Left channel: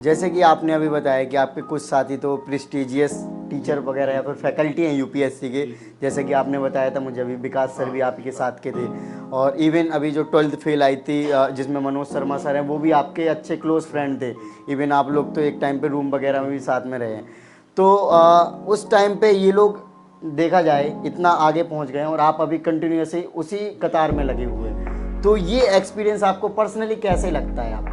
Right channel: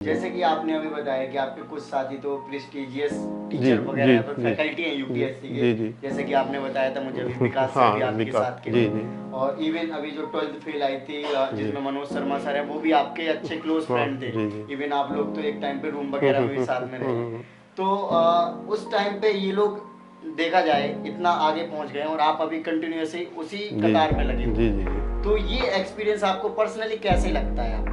जैसे कि आपने अभी बताया कि आपके कुछ साथी तो प्रेस्टिजियस टीचर वगैरह या फिर फैकल्टी हैं यूपीएससी के, जैसे कि आपने बताया था मुझे अभी विकास सर भी आपके साथ के थे, और इवन अभी जो 12th फेल आई थी जिसमें मनोज शर्मा सर हैं, वो भी आपके अच्छे क्लोज फ्रेंड थे। इवन आप लोग तो एक टाइम पे रूम वगैरह में भी साथ में रहे। तो उस टाइम पे ये लोग देखा जाए इतना आगे पहुंच गए और आप अभी कंटिन्यूसली उसी कतार में लगे हुए, तो ये एक्सपीरियंस आपको पर्सनली कैसे लगता है?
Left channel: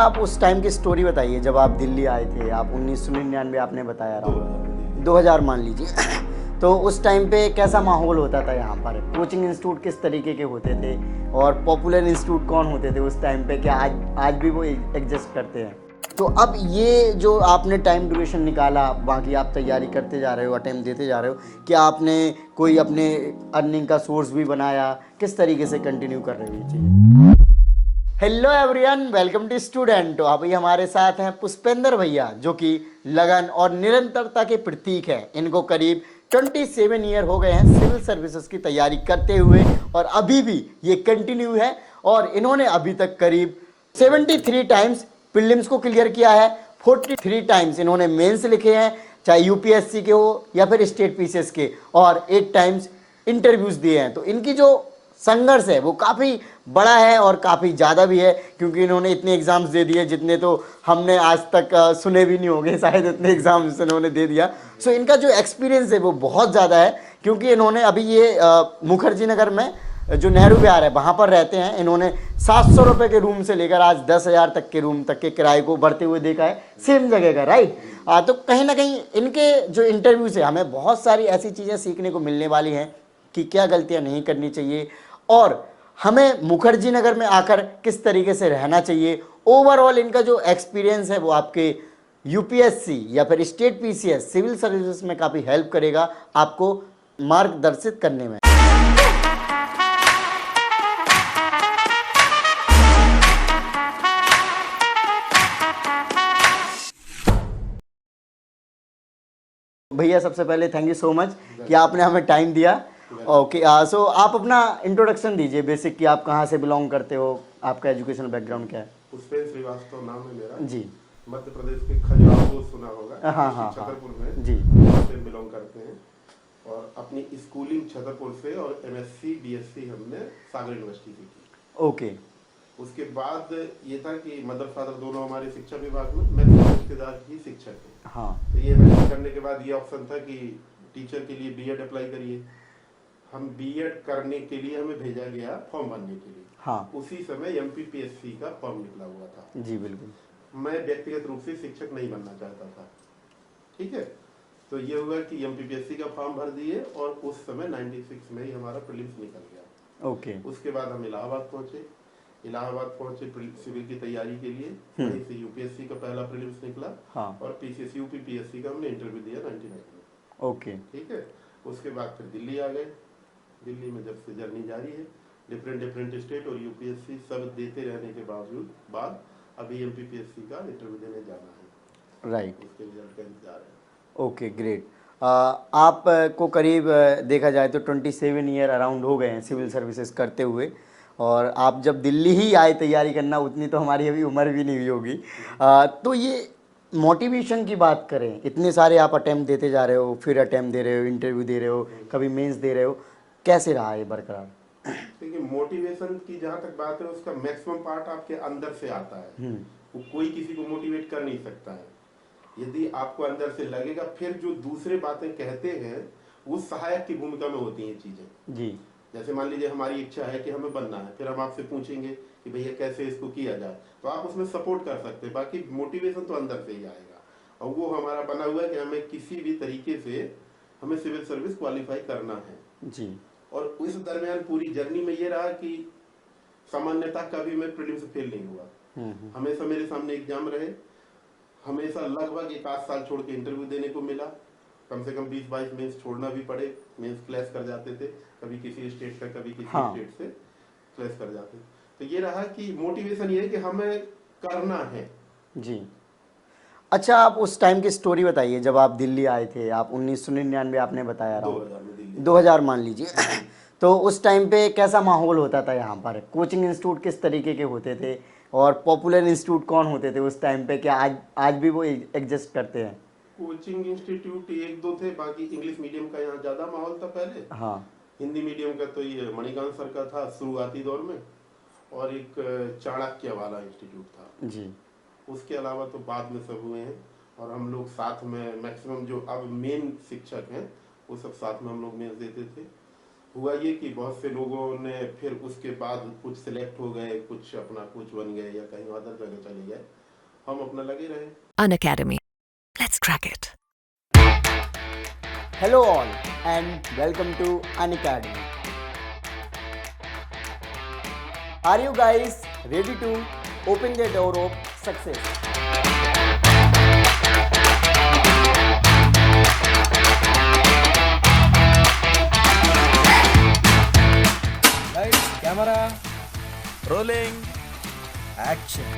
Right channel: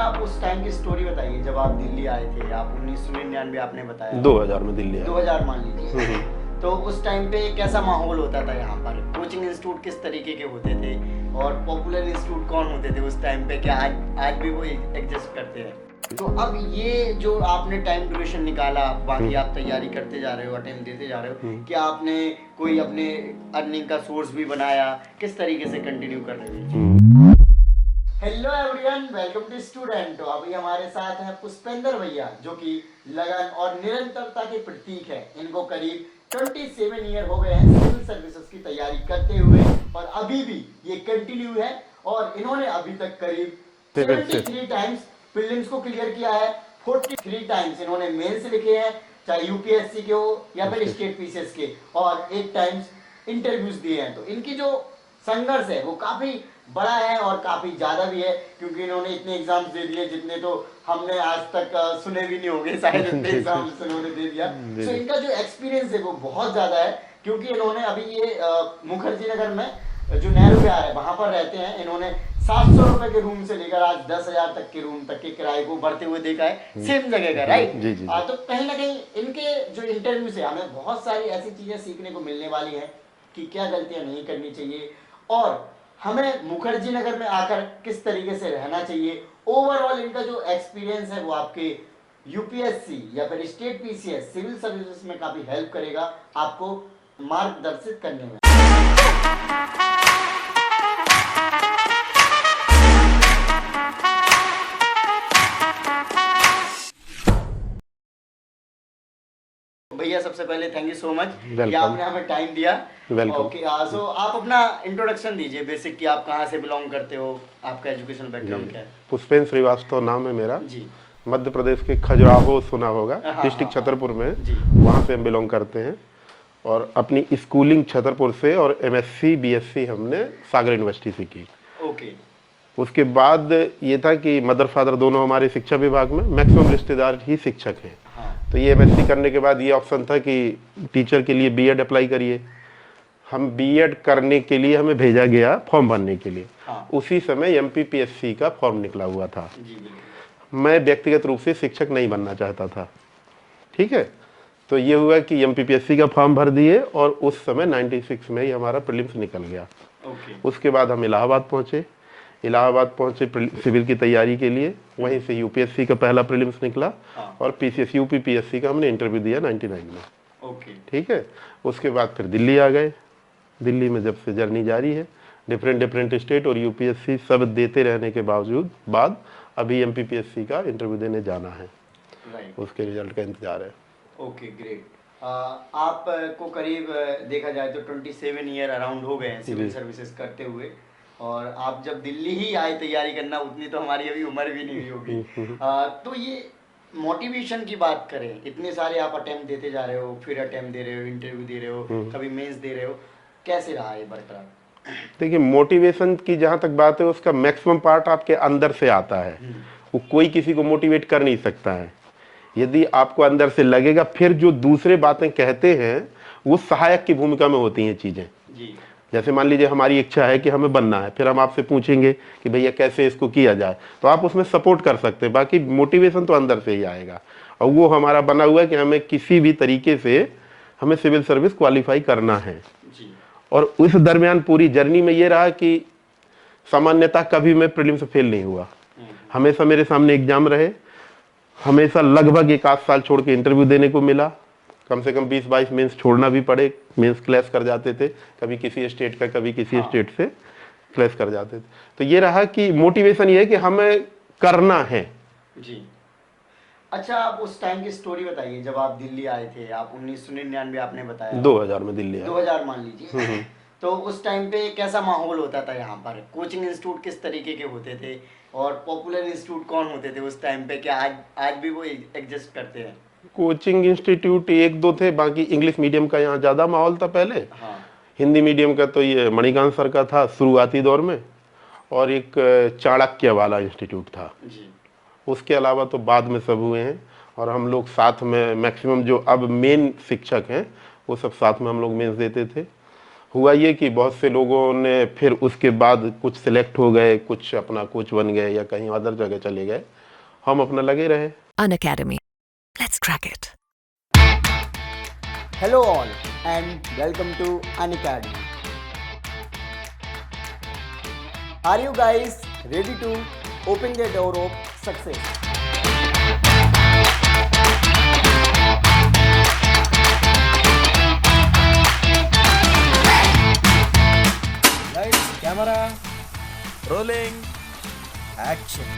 आप उस टाइम की स्टोरी बताइए जब आप दिल्ली आए थे। आप 1999 आपने बताया, 2000 में दिल्ली आए। 2000 मान लीजिए। तो उस टाइम पे कैसा माहौल होता था यहाँ पर? कोचिंग इंस्टीट्यूट किस तरीके के होते थे और पॉपुलर इंस्टीट्यूट कौन होते थे उस टाइम पे? क्या आज भी वो एग्जिस्ट करते हैं? तो अब ये जो आपने टाइम ड्यूरेशन निकाला, बाकी आप तैयारी करते जा रहे हो, अटेम्प्ट देते जा रहे हो, क्या आपने कोई अपने अर्निंग का सोर्स भी बनाया? किस तरीके से कंटिन्यू कर रहे थे? Hello everyone, welcome to student. तो अभी हमारे साथ हैं पुष्पेंद्र भैया, जो कि लगन और निरंतरता के प्रतीक हैं। इनको करीब 27 ईयर हो गए हैं सिविल सर्विसेज की तैयारी करते हुए, और अभी भी ये कंटिन्यू है। और इन्होंने अभी तक करीब 73 टाइम्स प्रीलिम्स को क्लियर किया है, 43 टाइम्स इन्होंने मेंस लिखे हैं, चाहे यूपीएससी के हो या फिर स्टेट पीसीएस के, और 8 टाइम्स इंटरव्यूज दिए हैं। तो इनकी जो संघर्ष है वो काफ़ी बड़ा है और काफ़ी ज़्यादा भी है, क्योंकि इन्होंने इतने एग्जाम्स दे दिए जितने तो हमने आज तक सुने भी नहीं होंगे शायद, इतने एग्जाम्स इन्होंने दे दिया। सो इनका जो एक्सपीरियंस है वो बहुत ज़्यादा है, क्योंकि इन्होंने अभी ये मुखर्जी नगर में जो नेहरू विहार है वहाँ पर रहते हैं। इन्होंने 700 रुपये के रूम से लेकर आज 10,000 तक के रूम तक के किराए को बढ़ते हुए देखा है, सेम जगह का, राइट? तो कहीं ना कहीं इनके जो इंटरव्यूज है हमें बहुत सारी ऐसी चीज़ें सीखने को मिलने वाली हैं कि क्या गलतियाँ नहीं करनी चाहिए और हमें मुखर्जी नगर में आकर किस तरीके से रहना चाहिए। ओवरऑल इनका जो एक्सपीरियंस है वो आपके यूपीएससी या फिर स्टेट पीसीएस सिविल सर्विसेज में काफ़ी हेल्प करेगा आपको मार्गदर्शित करने में। भैया सबसे पहले थैंक यू सो मच कि आपने हमें टाइम दिया। ओके, सो आप अपना इंट्रोडक्शन दीजिए बेसिक, कि आप कहाँ से बिलोंग करते हो, आपका एजुकेशन बैकग्राउंड क्या है? पुष्पेंद्र श्रीवास्तव नाम है मेरा जी। मध्य प्रदेश के खजुराहो सुना होगा, डिस्ट्रिक्ट छतरपुर में, वहाँ से हम बिलोंग करते हैं। और अपनी स्कूलिंग छतरपुर से और एमएससी बीएससी हमने सागर यूनिवर्सिटी से की। ओके। उसके बाद ये था कि मदर फादर दोनों हमारे शिक्षा विभाग में, मैक्सिमम रिश्तेदार ही शिक्षक हैं। तो ये एमएससी करने के बाद ये ऑप्शन था कि टीचर के लिए बीएड अप्लाई करिए। हम बीएड करने के लिए हमें भेजा गया फॉर्म भरने के लिए। उसी समय एमपीपीएससी का फॉर्म निकला हुआ था। जी बिल्कुल। मैं व्यक्तिगत रूप से शिक्षक नहीं बनना चाहता था, ठीक है। तो ये हुआ कि एमपीपीएससी का फॉर्म भर दिए और उस समय 96 में ही हमारा प्रीलिम्स निकल गया। उसके बाद हम इलाहाबाद पहुंचे। इलाहाबाद पहुंचे सिविल की तैयारी के लिए। वहीं से यूपीएससी का पहला प्रीलिम्स निकला और पीसीएस यूपीपीएससी का हमने इंटरव्यू दिया 99 में। ठीक है। उसके बाद फिर दिल्ली आ गए। दिल्ली में जब से जर्नी जारी है, डिफरेंट स्टेट और यूपीएससी सब देते रहने के बाद अभी एमपीपीएससी का इंटरव्यू देने जाना है। राइट। उसके रिजल्ट का इंतजार है। Okay, great. आपको करीब देखा जाए तो 27 ईयर अराउंड हो गए हैं सिविल सर्विसेज करते हुए, और आप जब दिल्ली ही आए तैयारी करना, उतनी तो हमारी अभी उम्र भी नहीं हुई होगी। तो ये मोटिवेशन की बात करें, इतने सारे आप अटेम्प्ट देते जा रहे हो, फिर अटेम्प्ट दे रहे हो, इंटरव्यू दे रहे हो, कभी मेंस दे रहे हो, कैसे रहा ये बरकरार? देखिए, मोटिवेशन की जहाँ तक बात है, उसका मैक्सिमम पार्ट आपके अंदर से आता है। वो कोई किसी को मोटिवेट कर नहीं सकता है। यदि आपको अंदर से लगेगा, फिर जो दूसरे बातें कहते हैं वो सहायक की भूमिका में होती हैं चीजें। जी। जैसे मान लीजिए हमारी इच्छा है कि हमें बनना है, फिर हम आपसे पूछेंगे कि भैया कैसे इसको किया जाए, तो आप उसमें सपोर्ट कर सकते हैं। बाकी मोटिवेशन तो अंदर से ही आएगा, और वो हमारा बना हुआ है कि हमें किसी भी तरीके से हमें सिविल सर्विस क्वालिफाई करना है। जी। और उस दरमियान पूरी जर्नी में ये रहा कि सामान्यतः कभी मैं प्रीलिम से फेल नहीं हुआ। हमेशा मेरे सामने एग्जाम रहे, हमेशा लगभग 1 आध साल छोड़ के इंटरव्यू देने को मिला। कम से कम 20-22 मेंस छोड़ना भी पड़े, मेंस क्लैश कर जाते थे, कभी किसी स्टेट का कभी किसी स्टेट से क्लैश कर जाते थे। तो ये रहा कि मोटिवेशन ये है कि हमें करना है। जी। अच्छा, आप उस टाइम की स्टोरी बताइए जब आप दिल्ली आए थे। आप 1999 आपने बताया, 2000 में दिल्ली आया। 2000 मान लीजिए। तो उस टाइम पे कैसा माहौल होता था यहाँ पर? कोचिंग इंस्टीट्यूट किस तरीके के होते थे और पॉपुलर इंस्टीट्यूट कौन होते थे उस टाइम पे? क्या आज भी वो एग्जिस्ट करते हैं? कोचिंग इंस्टीट्यूट एक दो थे, बाकी इंग्लिश मीडियम का यहाँ ज़्यादा माहौल था पहले। हाँ। हिंदी मीडियम का तो ये मणिकांत सर का था शुरुआती दौर में, और एक चाणक्य वाला इंस्टीट्यूट था जी। उसके अलावा तो बाद में सब हुए हैं। और हम लोग साथ में मैक्सिमम जो अब मेन शिक्षक हैं वो सब साथ में हम लोग मेंस देते थे। हुआ ये कि बहुत से लोगों ने फिर उसके बाद कुछ सिलेक्ट हो गए, कुछ अपना कोच बन गए या कहीं अदर जगह चले गए, हम अपना लगे रहे। Unacademy. Let's crack it. Hello all and welcome to Unacademy. Are you guys ready to open the door of success? Lights, camera, rolling, action.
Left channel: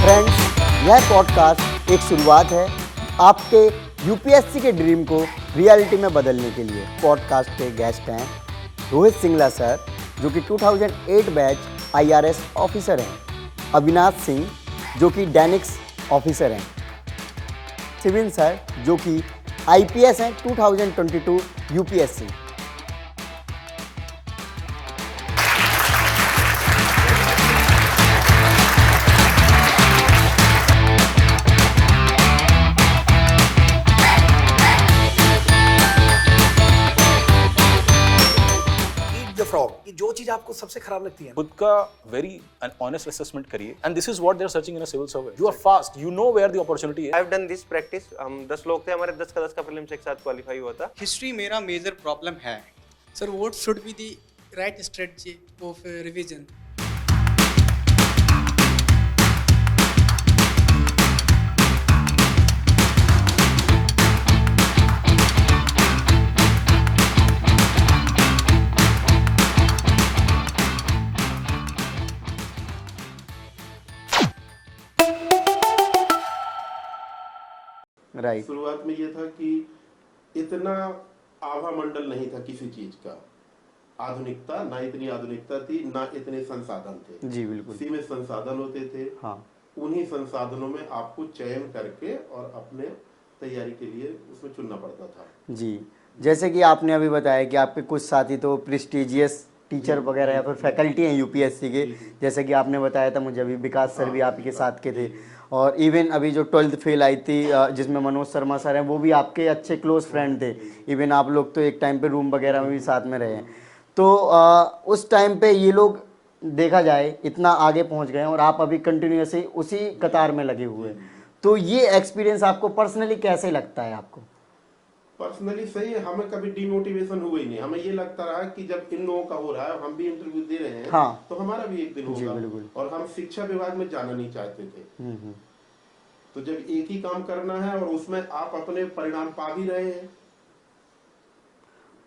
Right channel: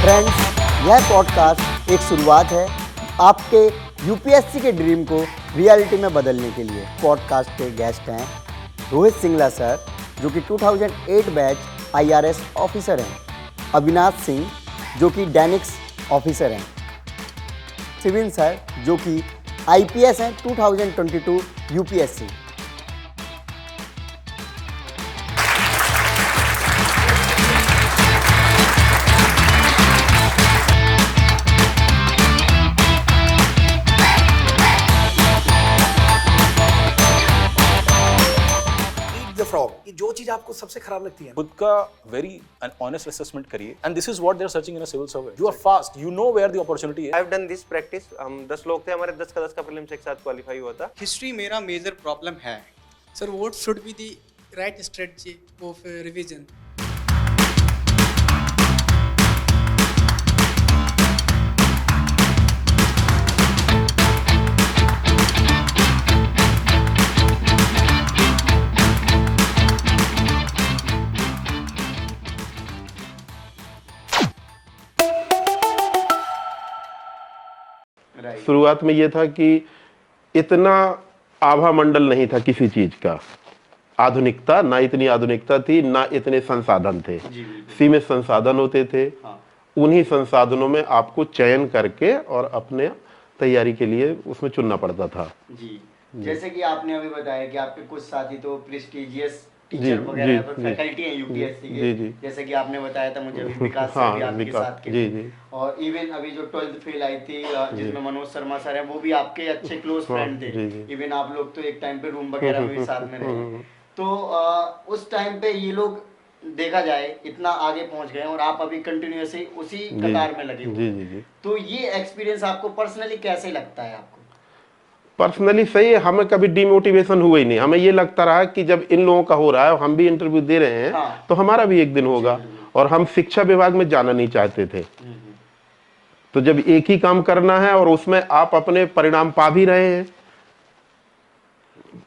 Friends, यह पॉडकास्ट एक शुरुआत है आपके यूपीएससी के ड्रीम को रियलिटी में बदलने के लिए। पॉडकास्ट के गेस्ट हैं रोहित सिंगला सर, जो कि 2008 बैच आईआरएस ऑफिसर हैं, अविनाश सिंह जो कि डैनिक्स ऑफिसर हैं, शिविन सर जो कि आईपीएस हैं 2022 यूपीएससी। फ्रॉग, कि जो चीज आपको सबसे खराब लगती है, खुद का वेरी ऑनेस्ट असेसमेंट करिए, and this is what they are searching in a civil servant. You are fast, you know where the opportunity है। I have done this practice. हम 10 लोग थे, हमारे 10 का प्रीलिम्स एक साथ क्वालिफाई हुआ था। हिस्ट्री मेरा मेजर प्रॉब्लम है sir. What should be the right strategy of revision? शुरुआत में ये था कि इतना आभा मंडल नहीं था किसी चीज का, आधुनिकता ना, इतनी आधुनिकता थी ना, इतने संसाधन थे। सीमित संसाधन होते थे। हाँ। उन्हीं संसाधनों में आपको चयन करके और अपने तैयारी के लिए उसमें चुनना पड़ता था। जी, जैसे कि आपने अभी बताया कि आपके कुछ साथी तो प्रेस्टिजियस टीचर वगैरह फैकल्टी हैं यूपीएससी के, जैसे कि आपने बताया था मुझे अभी, विकास सर भी आपके साथ के थे, और इवन अभी जो 12th फेल आई थी जिसमें मनोज शर्मा सर हैं, वो भी आपके अच्छे क्लोज फ्रेंड थे। इवन आप लोग तो एक टाइम पे रूम वगैरह में भी साथ में रहे। तो उस टाइम पे ये लोग देखा जाए इतना आगे पहुंच गए और आप अभी कंटिन्यूअसली उसी कतार में लगे हुए हैं। तो ये एक्सपीरियंस आपको पर्सनली कैसे लगता है? आपको पर्सनली सही है, हमें कभी डिमोटिवेशन हुआ ही नहीं। हमें ये लगता रहा कि जब इन लोगों का हो रहा है और हम भी इंटरव्यू दे रहे हैं, हाँ, तो हमारा भी एक दिन होगा। और हम शिक्षा विभाग में जाना नहीं चाहते थे। तो जब एक ही काम करना है और उसमें आप अपने परिणाम पा भी रहे हैं,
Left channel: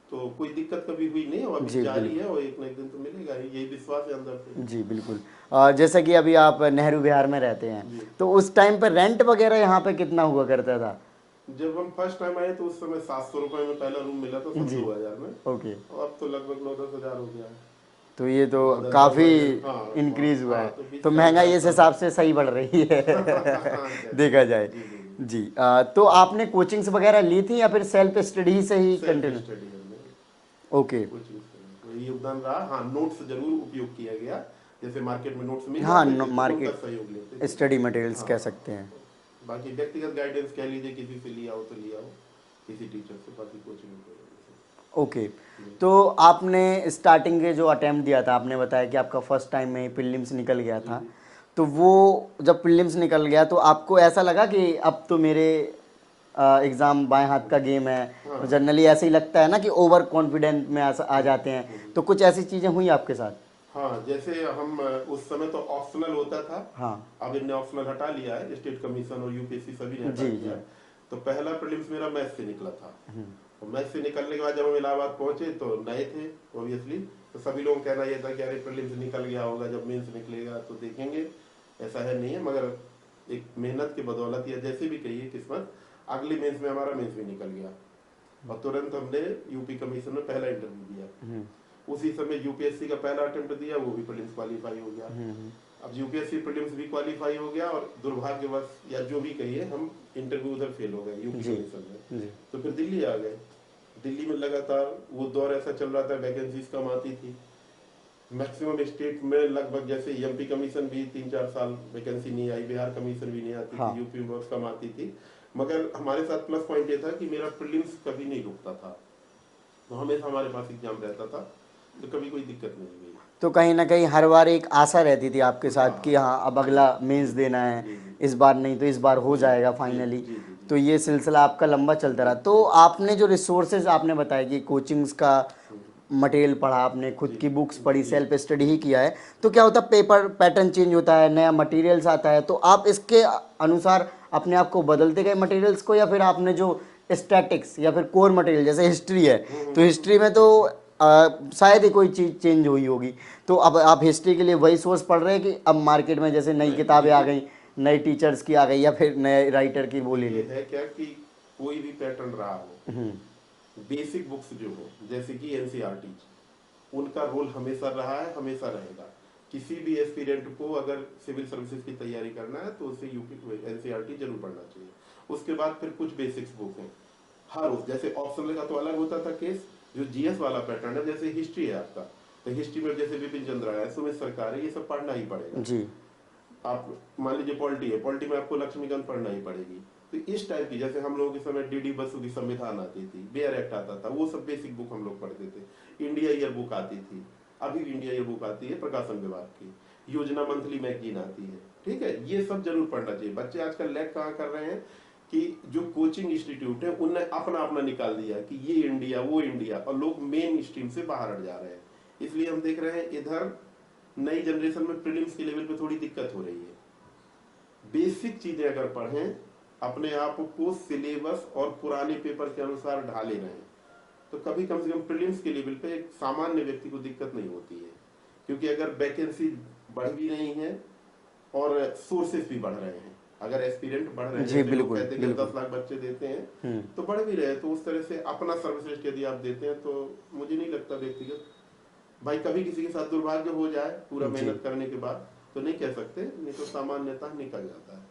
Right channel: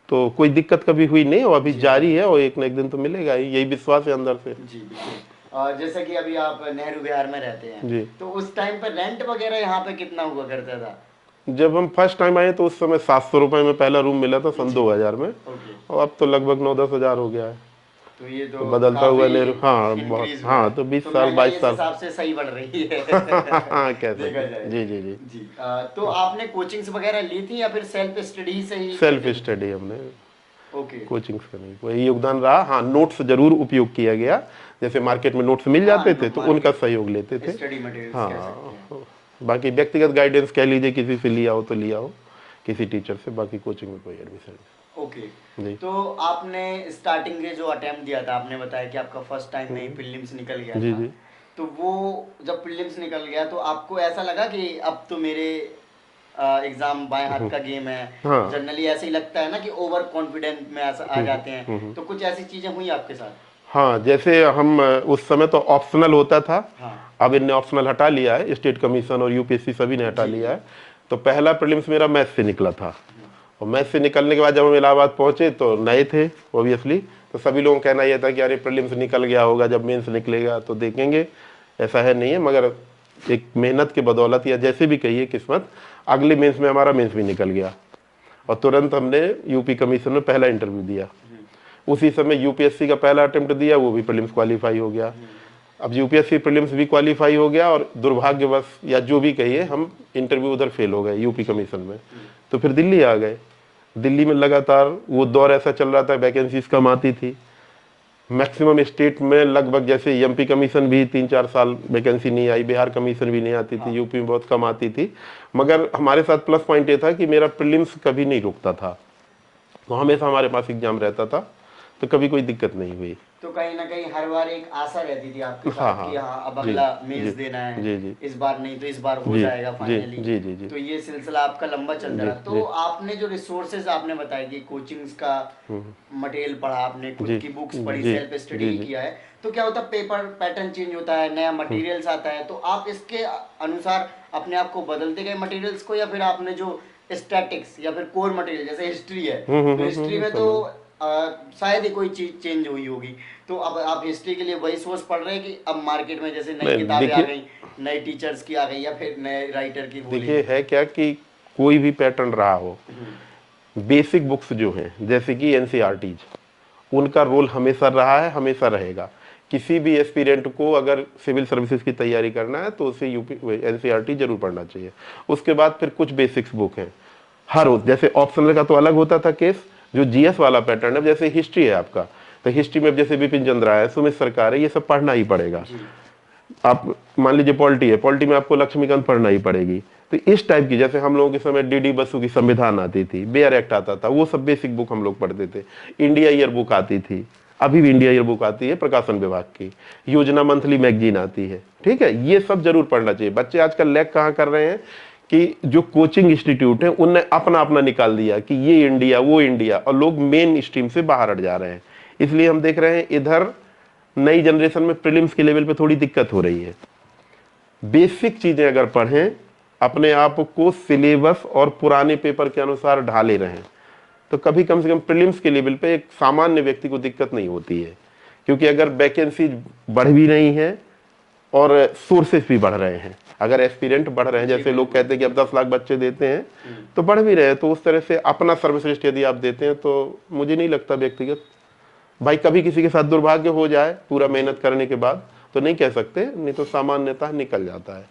तो कोई दिक्कत कभी हुई नहीं, और अभी जारी है और एक न एक दिन तो मिलेगा ही, यही विश्वास है अंदर से। जी बिल्कुल। जैसे कि अभी आप नेहरू विहार में रहते हैं, तो उस टाइम पर रेंट वगैरह यहाँ पे कितना हुआ करता था? जब हम फर्स्ट टाइम आए तो उस समय 700 रुपए में पहला रूम मिला था सन 2000 में। और अब तो लगभग 9-10 हजार हो गया है। तो ये तो बदलता हुआ इंक्रीज हाँ, तो 20 तो महंगाई इस हिसाब से सही बढ़ रही है देखा जाए। जी जी जी जी। तो आपने कोचिंग्स वगैरह ली थी या फिर सेल्फ स्टडी से ही? सेल्फ स्टडी हमने। ओके। कोचिंग्स का नहीं, वही योगदान रहा। हाँ, नोट्स जरूर उपयोग किया गया, जैसे मार्केट में नोट्स मिल जाते थे तो उनका सहयोग लेते थे। स्टडी मटेरियल्स कह सकते हैं। बाकी व्यक्तिगत गाइडेंस कह लीजिए, किसी से लिया हो तो लिया हो, किसी टीचर से। बाकी कोचिंग में कोई एडमिशन नहीं। ओके। तो आपने स्टार्टिंग के जो अटेम्प्ट दिया था, आपने बताया कि आपका फर्स्ट टाइम में प्रीलिम्स निकल गया था। तो वो जब प्रीलिम्स निकल गया तो आपको ऐसा लगा कि अब तो मेरे एग्जाम बाएं हाथ का गेम है? हाँ। जनरली ऐसे ही लगता है ना कि ओवर कॉन्फिडेंट में आ जाते हैं। तो कुछ ऐसी चीजें हुई आपके साथ? हाँ, जैसे हम उस समय तो ऑप्शनल होता था। हाँ। अब इनने ऑप्शनल हटा लिया है, स्टेट कमीशन और यूपीएससी सभी ने हटा लिया है। तो पहला प्रीलिम्स मेरा मैथ्स से निकला था, और मैथ्स से निकलने के बाद जब हम इलाहाबाद पहुंचे तो नए थे ऑब्वियसली, तो सभी लोगों का कहना यह था कि अरे प्रीलिम्स निकल गया होगा, जब मेंस निकलेगा तो देखेंगे। ऐसा है नहीं है, मगर एक मेहनत के बदौलत या जैसे भी कहिए किस्मत, अगले मेंस में हमारा मेंस भी निकल गया और तुरंत हमने यूपी कमीशन में पहला इंटरव्यू दिया। उसी समय यूपीएससी का पहला अटेम्प्ट दिया, वो भी प्रीलिम्स क्वालिफाई हो गया। अब यूपीएससी प्रीलिम्स भी क्वालिफाई हो गया और दुर्भाग्यवश या जो भी कहिए हम इंटरव्यू उधर फेल हो गए यूपी कमीशन में। तो फिर दिल्ली आ गए। दिल्ली में लगातार वो दौर ऐसा चल रहा था, वैकेंसीज कम आती थी। मैक्सिमम स्टेट में लगभग जैसे एमपी कमीशन भी 3-4 साल वैकेंसी नहीं आई, बिहार कमीशन भी नहीं आती थी, यूपी में बहुत कम आती थी। मगर हमारे साथ प्लस पॉइंट ये था कि मेरा प्रीलिम्स कभी नहीं रुकता था, तो हमेशा हमारे पास एग्जाम रहता था, तो कभी कोई दिक्कत नहीं हुई। तो कहीं ना कहीं हर बार एक आशा रहती थी आपके साथ कि हाँ अब अगला मेंस देना है, इस बार नहीं तो इस बार हो जाएगा फाइनली। तो ये सिलसिला आपका लंबा चलता रहा। तो आपने जो रिसोर्सेज आपने बताया कि कोचिंग्स का मटेरियल पढ़ा, आपने खुद की बुक्स पढ़ी, सेल्फ स्टडी ही किया है, तो क्या होता है पेपर पैटर्न चेंज होता है, नया मटेरियल्स आता है, तो आप इसके अनुसार अपने आप को बदलते गए मटेरियल्स को, या फिर आपने जो स्टैटिक्स या फिर कोर मटेरियल जैसे हिस्ट्री है तो हिस्ट्री में तो शायद ही कोई चीज चेंज हुई होगी, तो अब आप हिस्ट्री के लिए वही सोर्स पढ़ रहे हैं कि अब मार्केट में जैसे नई किताबें आ गई, नए टीचर्स की आ गई, या फिर नए राइटर की बोली? देखिए है क्या कि कोई भी पैटर्न रहा हो, बेसिक बुक्स जो हैं जैसे कि एनसीईआरटीज, उनका रोल हमेशा रहा है, हमेशा रहेगा। किसी भी एस्पिरेंट को अगर सिविल सर्विसेज की तैयारी करना है तो उसे एनसीईआरटी जरूर पढ़ना चाहिए। उसके बाद फिर कुछ बेसिक्स बुक हैं हर रोज, जैसे ऑप्शनल का तो अलग होता था केस, जो जीएस वाला पैटर्न है, जैसे हिस्ट्री है आपका, तो हिस्ट्री में जैसे बिपिन चंद्रा है, सुमित सरकार है, ये सब पढ़ना ही पड़ेगा। आप मान लीजिए पॉलिटी है, पॉलिटी में आपको लक्ष्मीकांत पढ़ना ही पड़ेगी। तो इस टाइप की, जैसे हम लोगों के समय डीडी बसु की संविधान आती थी, बेयर एक्ट आता था, वो सब बेसिक बुक हम लोग पढ़ते थे। इंडिया ईयर बुक आती थी, अभी भी इंडिया ईयर बुक आती है प्रकाशन विभाग की, योजना मंथली मैगजीन आती है, ठीक है, ये सब जरूर पढ़ना चाहिए। बच्चे आजकल लैग कहाँ कर रहे हैं कि जो कोचिंग इंस्टीट्यूट है उनने अपना अपना निकाल दिया कि ये इंडिया वो इंडिया, और लोग मेन स्ट्रीम से बाहर हट जा रहे हैं। इसलिए हम देख रहे हैं इधर नई जनरेशन में प्रीलिम्स के लेवल पे थोड़ी दिक्कत हो रही है। बेसिक चीजें अगर पढ़ें, अपने आप को सिलेबस और पुराने पेपर के अनुसार ढाले रहें, तो कभी कम से कम प्रीलिम्स के लेवल पे एक सामान्य व्यक्ति को दिक्कत नहीं होती है। क्योंकि अगर वैकेंसी बढ़ भी रही है और सोर्सेस भी बढ़ रहे हैं, अगर एस्पिरेंट बढ़ रहे हैं, जैसे लोग कहते हैं कि अब 10 लाख बच्चे देते हैं तो बढ़ भी रहे हैं, तो उस तरह से अपना सर्वश्रेष्ठ यदि आप देते हैं तो मुझे नहीं लगता व्यक्तिगत, भाई कभी किसी के साथ दुर्भाग्य हो जाए पूरा मेहनत करने के बाद तो नहीं कह सकते, नहीं तो सामान्यतः निकल जाता है।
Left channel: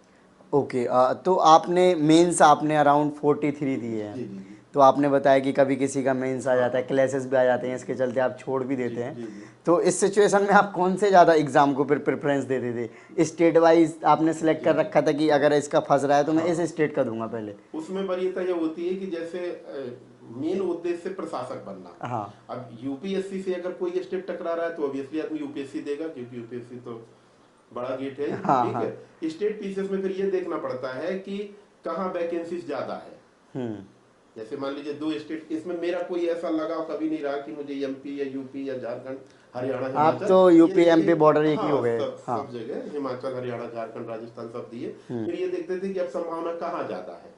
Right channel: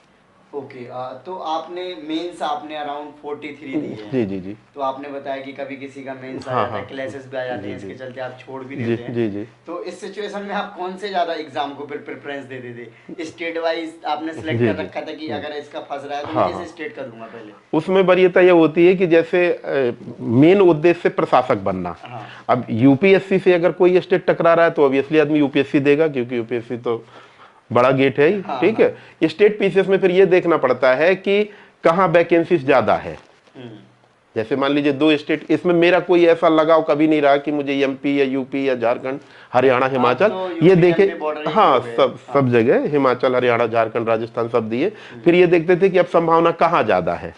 ओके, तो आपने मेंस आपने अराउंड 43 दी है। जी जी जी। तो आपने बताया कि कभी किसी का मेंस आ जाता है, क्लासेस भी आ जाते हैं, इसके चलते आप छोड़ भी देते हैं। जी जी। तो इस सिचुएशन में आप कौन से ज्यादा एग्जाम को फिर प्रेफरेंस देते थे? स्टेट वाइज आपने सिलेक्ट कर रखा था कि अगर इसका फंस रहा है तो मैं इस स्टेट का दूंगा पहले? उसमें वरीयता यह होती है कि जैसे मेन उद्देश्य प्रशासक बनना। अब यूपीएससी से अगर कोई स्टेट टकरा रहा है तो ऑब्वियसली आदमी यूपीएससी देगा, क्योंकि यूपीएससी तो बड़ा गेट है ही, ठीक है। स्टेट पीसीएस में फिर ये देखना पड़ता है कि कहाँ वैकेंसीज ज्यादा है। जैसे मान लीजिए 2 स्टेट, इसमें मेरा कोई ऐसा लगाव कभी नहीं रहा कि मुझे एमपी या यूपी या झारखंड, हरियाणा, हिमाचल, तो ये देखे, हाँ सब जगह हिमाचल, हरियाणा, झारखंड, राजस्थान सब दिए। फिर ये देखते थे कि अब संभावना कहाँ ज्यादा है,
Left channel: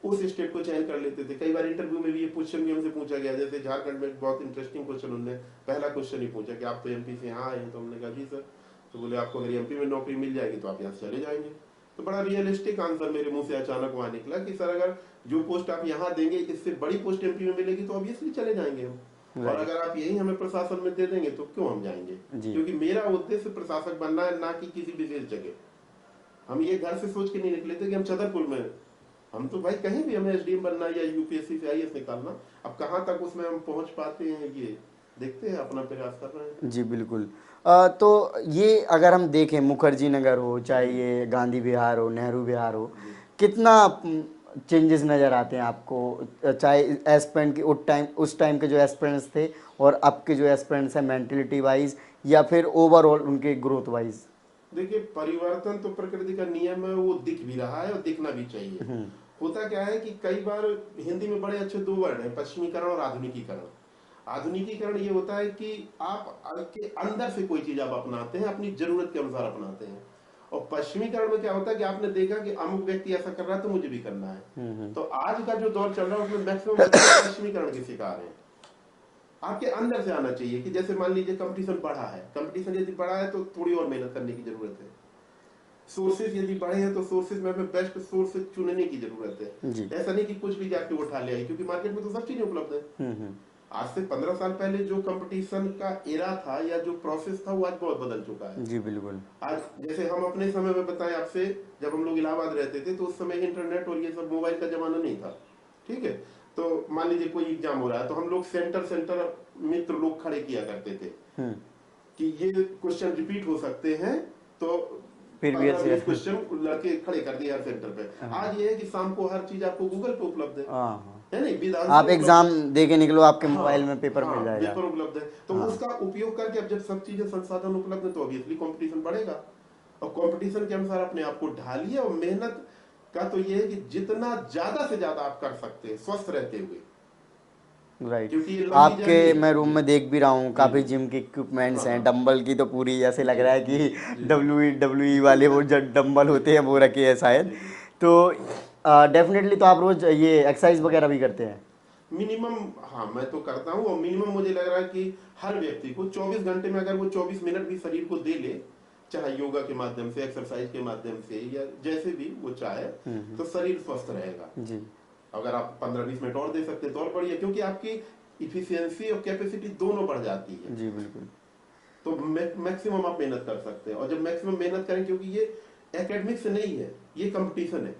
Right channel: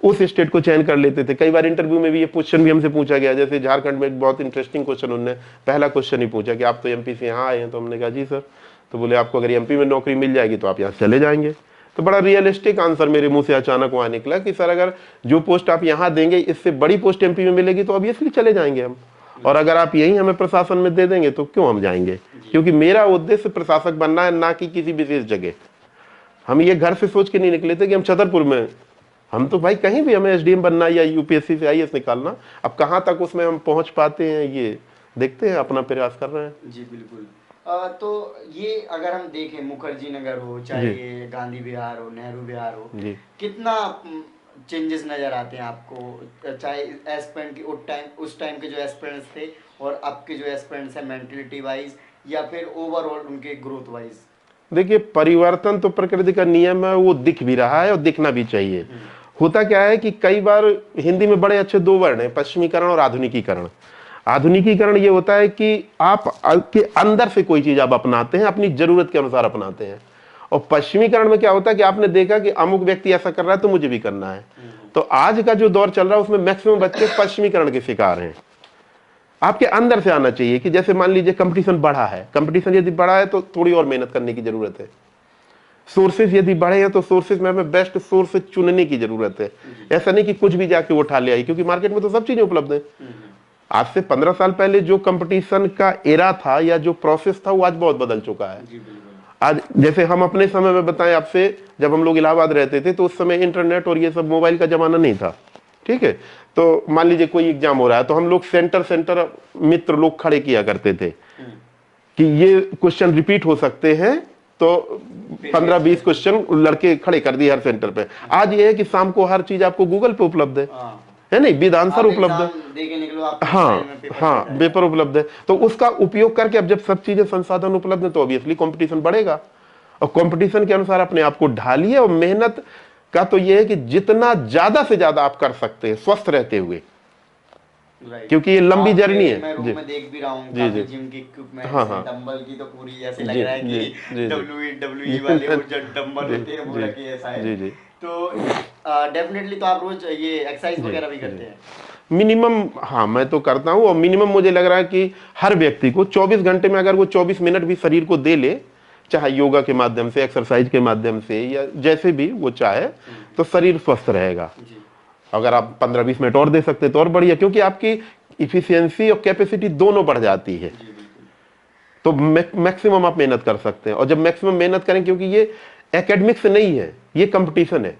उस स्टेट को चयन कर लेते थे। कई बार इंटरव्यू में भी ये क्वेश्चन भी हमसे पूछा गया, जैसे झारखंड में एक बहुत इंटरेस्टिंग क्वेश्चन, उन्होंने पहला क्वेश्चन ही पूछा कि आप तो एमपी से यहाँ आए हैं, तो हमने कहा जी सर, तो बोले आपको अगर एमपी में नौकरी मिल जाएगी तो आप यहाँ से चले जाएंगे। तो बड़ा रियलिस्टिक आंसर मेरे मुंह से अचानक वहां निकला कि सर अगर जो पोस्ट आप यहाँ देंगे इससे बड़ी पोस्ट एमपी में मिलेगी तो ऑब्वियसली चले जाएंगे हम, और अगर आप यही हमें प्रशासन में दे देंगे तो क्यों हम जाएंगे, क्योंकि मेरा उद्देश्य प्रशासक बनना है, ना कि किसी विशेष जगह। हम ये घर से सोच के नहीं निकले थे कि हम छतरपुर में, हम तो भाई कहीं भी हमें एसडीएम बनना या यूपीएससी से आईएएस निकालना, अब कहाँ तक उसमें हम पहुंच पाते हैं ये देखते हैं, अपना प्रयास कर रहे हैं। जी बिल्कुल। तो ये अगर हम देखें मुखर्जी नगर हो, चाहे ये गांधी विहार हो, नेहरू विहार हो, कितना चेंजेस नजर आते हैं आपको, चाहे एस्पिरेंट की उस टाइम के जो एस्पिरेंट्स थे और अब के जो एस्पिरेंट्स हैं, मेंटलिटी वाइज या फिर ओवरऑल उनके ग्रोथ वाइज? देखिए परिवर्तन तो प्रकृति का नियम है, वो दिख भी रहा है और दिखना भी चाहिए। होता क्या है कि कई बार हिंदी में बड़े अच्छे 2 वर्ड हैं, पश्चिमीकरण और आधुनिकीकरण। आधुनिकीकरण ये होता है कि आप के अंदर से कोई चीज आप अपनाते हैं, अपनी जरूरत के अनुसार अपनाते हैं। और पश्चिमीकरण में क्या होता है कि आपने देखा कि अमुक व्यक्ति ऐसा कर रहा है तो मुझे भी करना है। तो आज का जो दौर चल रहा है उसमें मैक्सिमम बच्चे पश्चिमीकरण के शिकार हैं। आपके अंदर से आना चाहिए कि जैसे मान लीजिए कंपटीशन बढ़ा है, कंपटीशन यदि बढ़ा है तो थोड़ी और मेहनत करने की जरूरत है। सोर्सेज यदि बढ़े हैं तो सोर्सेज में हमें बेस्ट सोर्स चुनने की जरूरत है। ऐसा नहीं कि कुछ भी जाके उठा ले आई, क्योंकि मार्केट में तो सब चीजें उपलब्ध है। आज से 15 साल पहले जो कंपटीशन का एरा था या जो प्रोसेस था वो आज बहुत बदल चुका है। जी बिल्कुल। आज जैसे हम अपने समय में बताएं आपसे, जब हम लोग इलाहाबाद रहते थे तो उस समय इंटरनेट और ये सब मोबाइल का जमाना नहीं था, ठीक है। तो मान लीजिए कोई एग्जाम हो रहा है तो हम लोग सेंटर मित्र लोग खड़े किया करते थे कि ये क्वेश्चन रिपीट हो सकते हैं, तो 15-20 क्वेश्चन लड़के खड़े कर दिए हर सेंटर पे। आज ये है कि शाम को हर चीज आपको गूगल पे उपलब्ध है नहीं, विद आंसर उपलब्ध है। दे के निकलो आप, पेपर उपलब्ध है। तो उसका उपयोग करके अब जब सब चीजें संसाधन उपलब्ध है तो ऑब्वियसली कंपटीशन बढ़ेगा, और कंपटीशन के अनुसार अपने आप को ढालिए। और मेहनत का तो ये है कि जितना ज्यादा से ज्यादा आप कर सकते हैं स्वस्थ रहते हुए, क्योंकि ये लंबी जर्नी है। मैं रूम में देख भी रहा हूँ काफी जिम के इक्विपमेंट्स हैं, डंबल की तो पूरी ऐसे लग रहा है कि WWE वाले वो जो डंबल होते हैं वो रखे हैं शायद। तो डेफिनेटली तो आप रोज ये एक्सरसाइज वगैरह भी करते हैं? मिनिमम, हाँ मैं तो करता हूँ, और मिनिमम मुझे लग रहा है कि हर व्यक्ति को 24 घंटे में अगर वो 24 मिनट भी शरीर को दे ले, चाहे योगा के माध्यम से, एक्सरसाइज के माध्यम से, या जैसे भी वो चाहे, तो शरीर स्वस्थ रहेगा। अगर आप 15-20 मिनट और दे सकते तो और बढ़िया, क्योंकि आपकी इफिशियंसी और कैपेसिटी दोनों बढ़ जाती है। तो मैक्सिमम आप मेहनत कर सकते हैं। और जब मैक्सिमम मेहनत करें, क्योंकि ये एकेडमिक्स नहीं है, ये कंपटीशन है,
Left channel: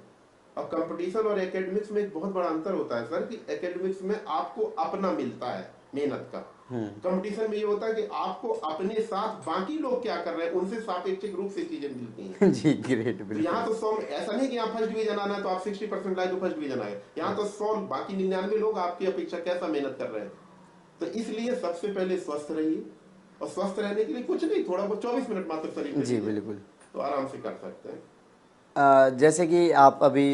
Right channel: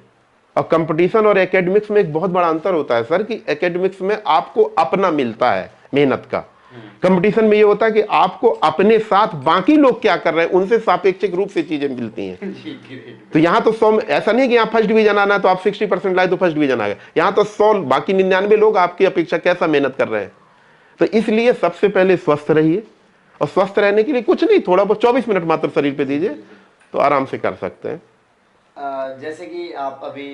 और कंपटीशन और एकेडमिक्स में एक बहुत बड़ा अंतर होता है सर, कि एकेडमिक्स में आपको अपना मिलता है मेहनत का, कंपटीशन में ये होता है कि आपको अपने साथ बाकी लोग क्या कर रहे हैं उनसे सापेक्षिक रूप से चीजें मिलती हैं। जी ग्रेट। तो यहाँ तो 100, ऐसा नहीं कि यहाँ फर्स्ट डिवीजन आना है तो आप 60% लाए तो फर्स्ट डिवीजन आ गए, यहाँ तो 100 बाकी 99 लोग आपकी अपेक्षा कैसा मेहनत कर रहे हैं। तो इसलिए सबसे पहले स्वस्थ रहिए, और स्वस्थ रहने के लिए कुछ नहीं, थोड़ा बहुत 24 मिनट मात्र शरीर पे दीजिए तो आराम से कर सकते हैं। जैसे कि आप अभी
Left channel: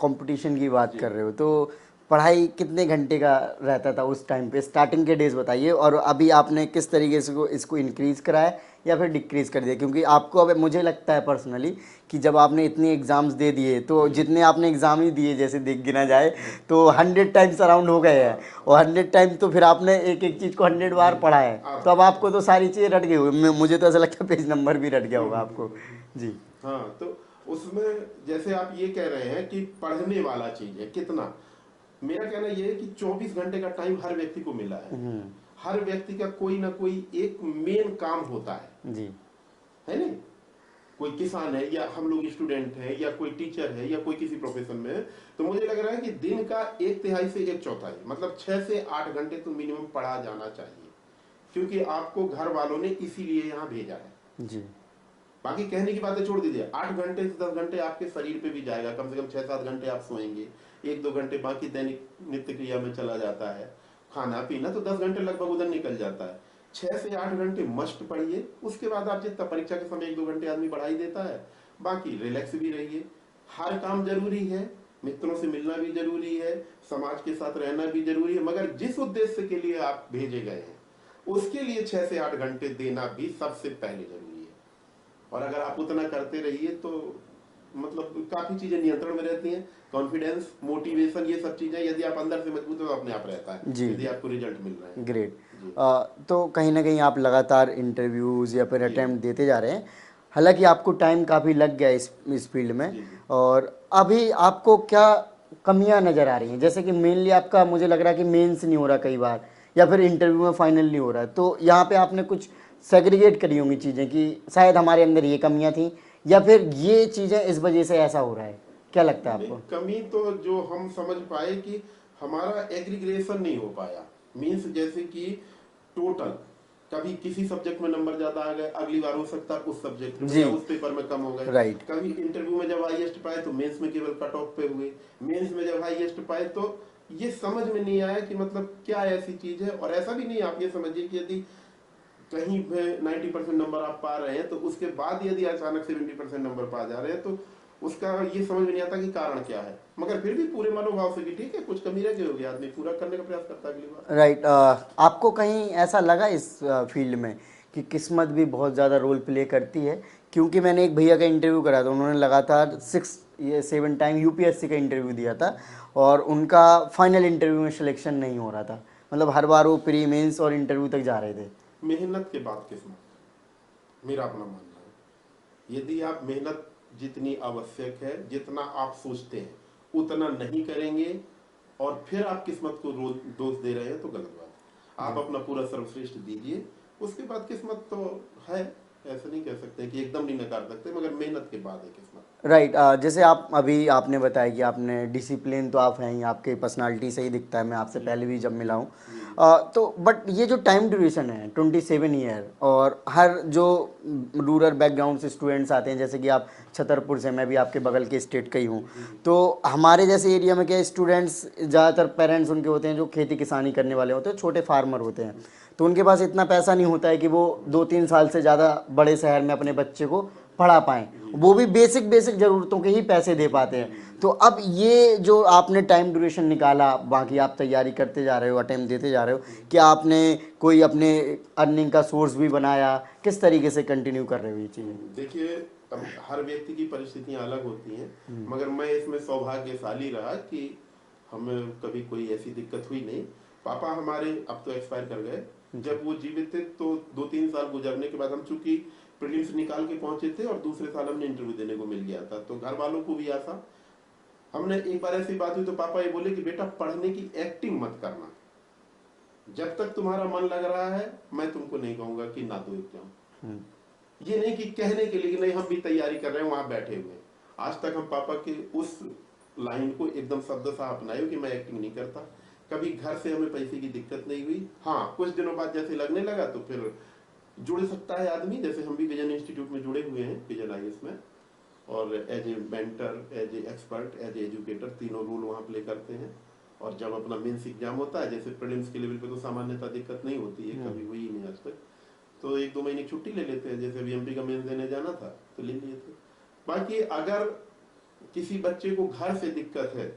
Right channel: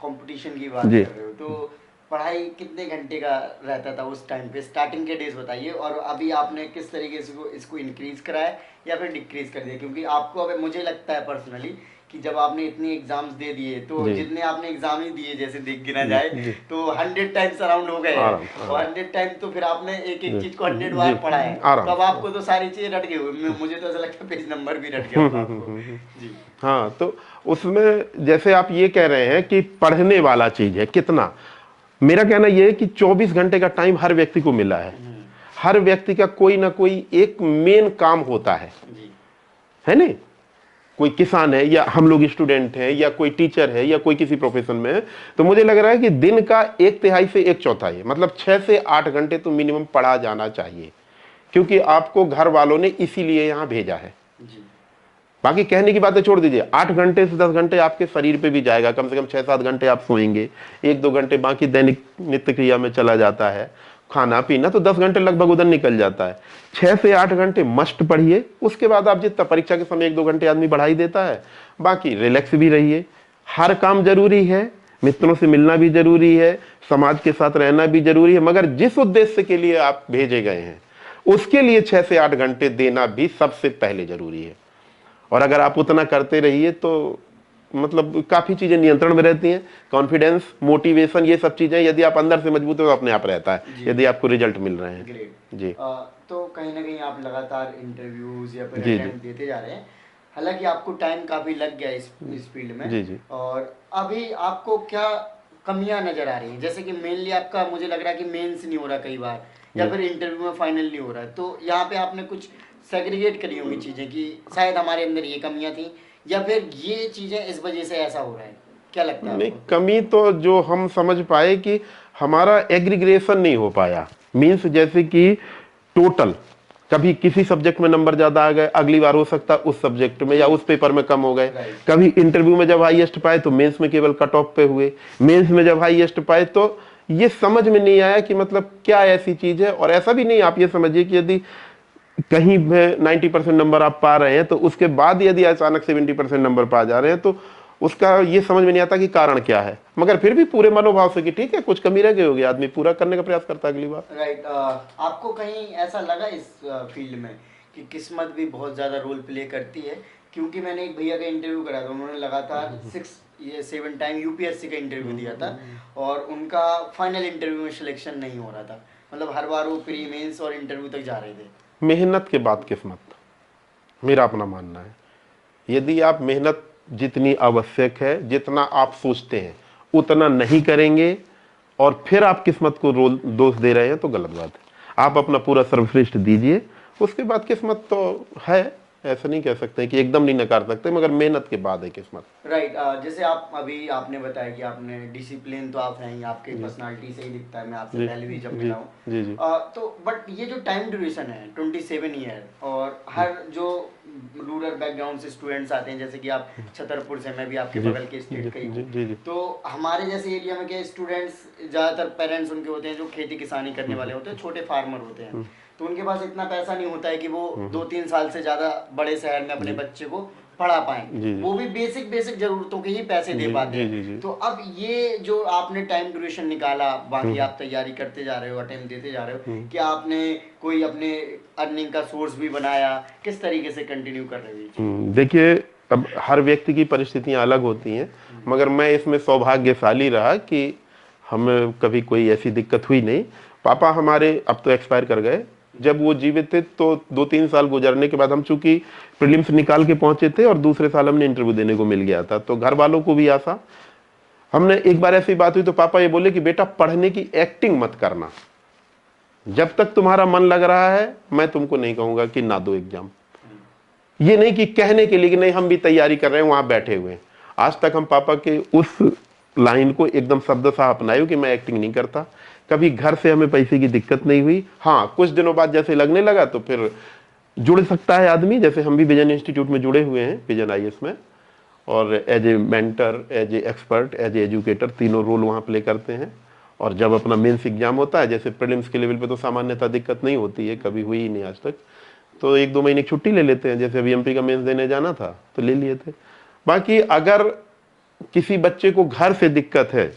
कंपटीशन की बात कर रहे हो, तो पढ़ाई कितने घंटे का रहता था उस टाइम पे? स्टार्टिंग के डेज बताइए, और अभी आपने किस तरीके से इसको इंक्रीज करा है या फिर डिक्रीज कर दिया? क्योंकि आपको अब मुझे लगता है पर्सनली कि जब आपने इतने एग्जाम्स दे दिए, तो जितने आपने एग्जाम ही दिए जैसे देख गिना जाए तो 100 टाइम्स अराउंड हो गए हैं, और 100 टाइम तो फिर आपने एक एक चीज को 100 बार पढ़ा है, तो अब आपको तो सारी चीजें रट गई। मुझे तो ऐसा लगता है पेज नंबर भी रट गया होगा आपको। जी हाँ, तो उसमें जैसे आप ये कह रहे हैं कि पढ़ने वाला चीज है कितना, मेरा कहना यह है कि 24 घंटे का टाइम हर व्यक्ति को मिला है। हर व्यक्ति का कोई ना कोई एक मेन काम होता है है नहीं? कोई किसान है, या हम लोग स्टूडेंट हैं, या कोई टीचर है, या कोई किसी प्रोफेशन में है। तो मुझे लग रहा है कि दिन का 1/3 से 1/4 मतलब 6 से 8 घंटे तो मिनिमम पढ़ा जाना चाहिए, क्योंकि आपको घर वालों ने इसीलिए यहाँ भेजा है। बाकी कहने की बातें छोड़ दीजिए, 8 घंटे से 10 घंटे आपके शरीर पे भी जाएगा, कम से कम 6-7 घंटे आप सोएंगे, 1-2 घंटे बाकी दैनिक नित्य क्रिया में चला जाता है, खाना पीना, तो 10 घंटे लगभग उधर निकल जाता है। 6 से 8 घंटे मस्ट पढ़िए। उसके बाद आप जितना परीक्षा के समय 1-2 घंटे आदमी बढ़ा ही देता है, बाकी रिलैक्स भी रहिए। हर काम जरूरी है, मित्रों से मिलना भी जरूरी है, समाज के साथ रहना भी जरूरी है, मगर जिस उद्देश्य के लिए आप भेजे गए हैं उसके लिए 6 से 8 घंटे देना भी सबसे पहले जरूरी है। और अगर आप उतना करते रहिए तो मतलब काफी चीजें नियंत्रण में रहती हैं। कॉन्फिडेंस, मोटिवेशन, ये सब चीजें यदि आप अंदर से मजबूत हो तो अपने आप रहता है, यदि आपको रिजल्ट मिल रहे हैं। ग्रेट जी। तो कहीं ना कहीं आप लगातार इंटरव्यूज या फिर अटेम्प्ट देते जा रहे हैं, हालांकि आपको टाइम काफी लग गया इस फील्ड में। जी। और अभी आपको क्या कमियां नजर आ रही हैं? जैसे कि मेनली आपका मुझे लग रहा है कि मेंस नहीं हो रहा कई बार, या फिर इंटरव्यू में फाइनल नहीं हो रहा है, तो यहाँ पे आपने कुछ सेग्रीगेट करी होंगी चीजें कि शायद हमारे अंदर ये कमियां थी, या फिर ये चीजें इस वजह से ऐसा हो रहा है? क्या लगता है आपको? कमी तो जो हम समझ पाए कि हमारा एग्रीग्रेशन नहीं हो पाया, मीन्स जैसे कि टोटल कभी किसी सब्जेक्ट में नंबर ज्यादा आ गए, अगली बार हो सकता है उस सब्जेक्ट में या उस पेपर में कम हो गए। कभी इंटरव्यू में जब हाईएस्ट पाए तो मेंस में केवल कट ऑफ पे हुए, मेंस में जब हाईएस्ट पाए तो ये समझ में नहीं आया कि मतलब क्या ऐसी चीज है। और ऐसा भी नहीं, आप ये समझिए कि यदि कहीं में 90% नंबर आप पा रहे हैं तो उसके बाद यदि अचानक 70% नंबर पा जा रहे हैं तो उसका ये समझ में नहीं आता कि कारण क्या है, मगर फिर भी पूरे मनोभाव से कि ठीक है कुछ कमी रह गई होगी, आदमी पूरा करने का प्रयास करता है अगली बार। राइट। आपको कहीं ऐसा लगा इस फील्ड में कि किस्मत भी बहुत ज़्यादा रोल प्ले करती है? क्योंकि मैंने एक भैया का इंटरव्यू करा था, उन्होंने लगातार 6-7 टाइम यूपीएससी का इंटरव्यू दिया था और उनका फाइनल इंटरव्यू में सिलेक्शन नहीं हो रहा था, मतलब हर बार वो प्री मेंस और इंटरव्यू तक जा रहे थे। मेहनत के बाद किस्मत, मेरा अपना मानना है। यदि आप मेहनत जितनी आवश्यक है, जितना आप सोचते हैं उतना नहीं करेंगे और फिर आप किस्मत को दोष दे रहे हैं तो गलत बात है। आप अपना पूरा सर्वश्रेष्ठ दीजिए, उसके बाद किस्मत तो है, ऐसा नहीं कह सकते कि एकदम नहीं नकार सकते, मगर मेहनत के बाद है किस्मत। राइट जैसे आप अभी आपने बताया कि आपने डिसिप्लिन तो आप हैं ही, आपकी पर्सनालिटी से ही दिखता है, मैं आपसे पहले भी जब मिला हूँ तो बट ये जो टाइम ड्यूरेशन है 27 ईयर, और हर जो रूरल बैकग्राउंड से स्टूडेंट्स आते हैं, जैसे कि आप छतरपुर से, मैं भी आपके बगल के स्टेट का ही हूँ, तो हमारे जैसे एरिया में क्या स्टूडेंट्स ज़्यादातर पेरेंट्स उनके होते हैं जो खेती किसानी करने वाले होते हैं, छोटे फार्मर होते हैं, तो उनके पास इतना पैसा नहीं होता है कि वो 2-3 साल से ज़्यादा बड़े शहर में अपने बच्चे को पढ़ा पाएं, वो भी बेसिक जरूरतों के ही पैसे दे पाते हैं। तो अब ये जो आपने टाइम ड्यूरेशन निकाला, बाकी आप तैयारी करते जा रहे हो, अटेम्प्ट देते जा रहे हो, क्या आपने कोई अपने अर्निंग का सोर्स भी बनाया, किस तरीके से कंटिन्यू कर रहे हो? देखिए, अब हर व्यक्ति की परिस्थितियां अलग होती हैं, मगर मैं इसमें सौभाग्यशाली रहा कि हमें कभी कोई ऐसी दिक्कत हुई नहीं। पापा हमारे अब तो एक्सपायर कर गए, जब वो जीवित थे तो 2-3 साल गुजरने के बाद हम चूंकि प्रीलिम्स निकाल के पहुंचे थे और दूसरे साल हमने इंटरव्यू देने को मिल गया था, तो घर वालों को भी आशा। हमने एक बार ऐसी बात हुई तो पापा ये बोले कि बेटा पढ़ने की एक्टिंग मत करना, जब तक तुम्हारा मन लग रहा है मैं तुमको नहीं कहूंगा कि ना दो एग्जाम। ये नहीं कि कहने के लिए कि नहीं हम भी तैयारी कर रहे हैं वहां बैठे हुए हैं। आज तक हम पापा के उस लाइन को एकदम शब्दशः अपनाए कि मैं एक्टिंग नहीं करता। कभी घर से हमें पैसे की दिक्कत नहीं हुई। हाँ, कुछ दिनों बाद जैसे लगने लगा तो फिर जुड़ सकता है आदमी, जैसे हम भी विजन इंस्टीट्यूट में जुड़े हुए हैं, विजन IAS में, और as a mentor, as a expert, as a educator, तीनों रोल वहाँ प्ले करते हैं। और जब अपना मेंस एग्जाम होता है, जैसे प्रीलिम्स के लेवल पे तो सामान्यतः दिक्कत नहीं होती है, कभी हुई ही नहीं आज तक, तो 1-2 महीने की छुट्टी ले लेते हैं। जैसे अभी MP का मेंस देने जाना था तो ले लिए थे। बाकी अगर किसी बच्चे को घर से दिक्कत है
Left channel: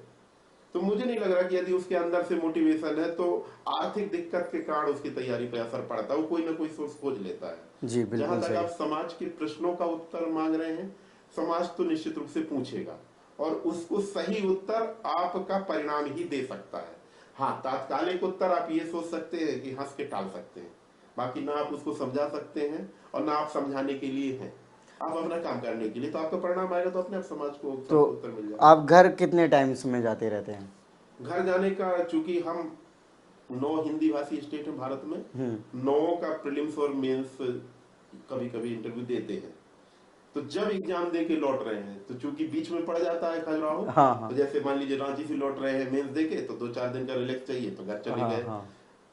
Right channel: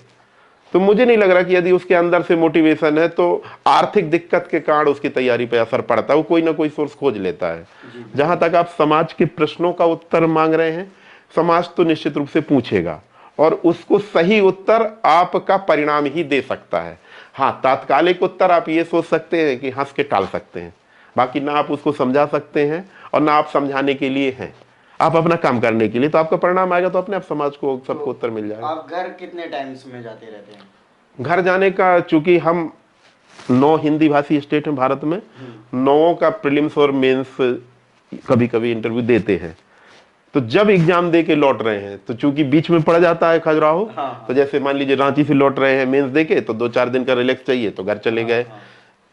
तो मुझे नहीं लग रहा कि यदि उसके अंदर से मोटिवेशन है तो आर्थिक दिक्कत के कारण उसकी तैयारी पे असर पड़ता है, वो कोई ना कोई सोर्स खोज लेता है। जहां तक आप समाज के प्रश्नों का उत्तर मांग रहे हैं, समाज तो निश्चित रूप से पूछेगा और उसको सही उत्तर आपका परिणाम ही दे सकता है। हाँ, तात्कालिक उत्तर आप ये सोच सकते हैं कि हंस के टाल सकते हैं, बाकी ना आप उसको समझा सकते हैं और ना आप समझाने के लिए हैं, आप अपना काम करने के लिए, तो आपका परिणाम आएगा तो अपने आप समाज को सबको उत्तर मिल जाएगा। आप घर कितने टाइम्स में जाते रहते हैं? घर जाने का, चूंकि हम 9 हिंदी भाषी स्टेट हैं भारत में, 9 का प्रीलिम्स और मेंस कभी कभी इंटरव्यू देते हैं, तो जब एग्जाम दे के लौट रहे हैं तो चूंकि बीच में पड़ जाता है खजुराहो, तो जैसे मान लीजिए रांची से लौट रहे हैं मेंस दे के, तो 2-4 दिन का रिलैक्स चाहिए तो घर चले गए।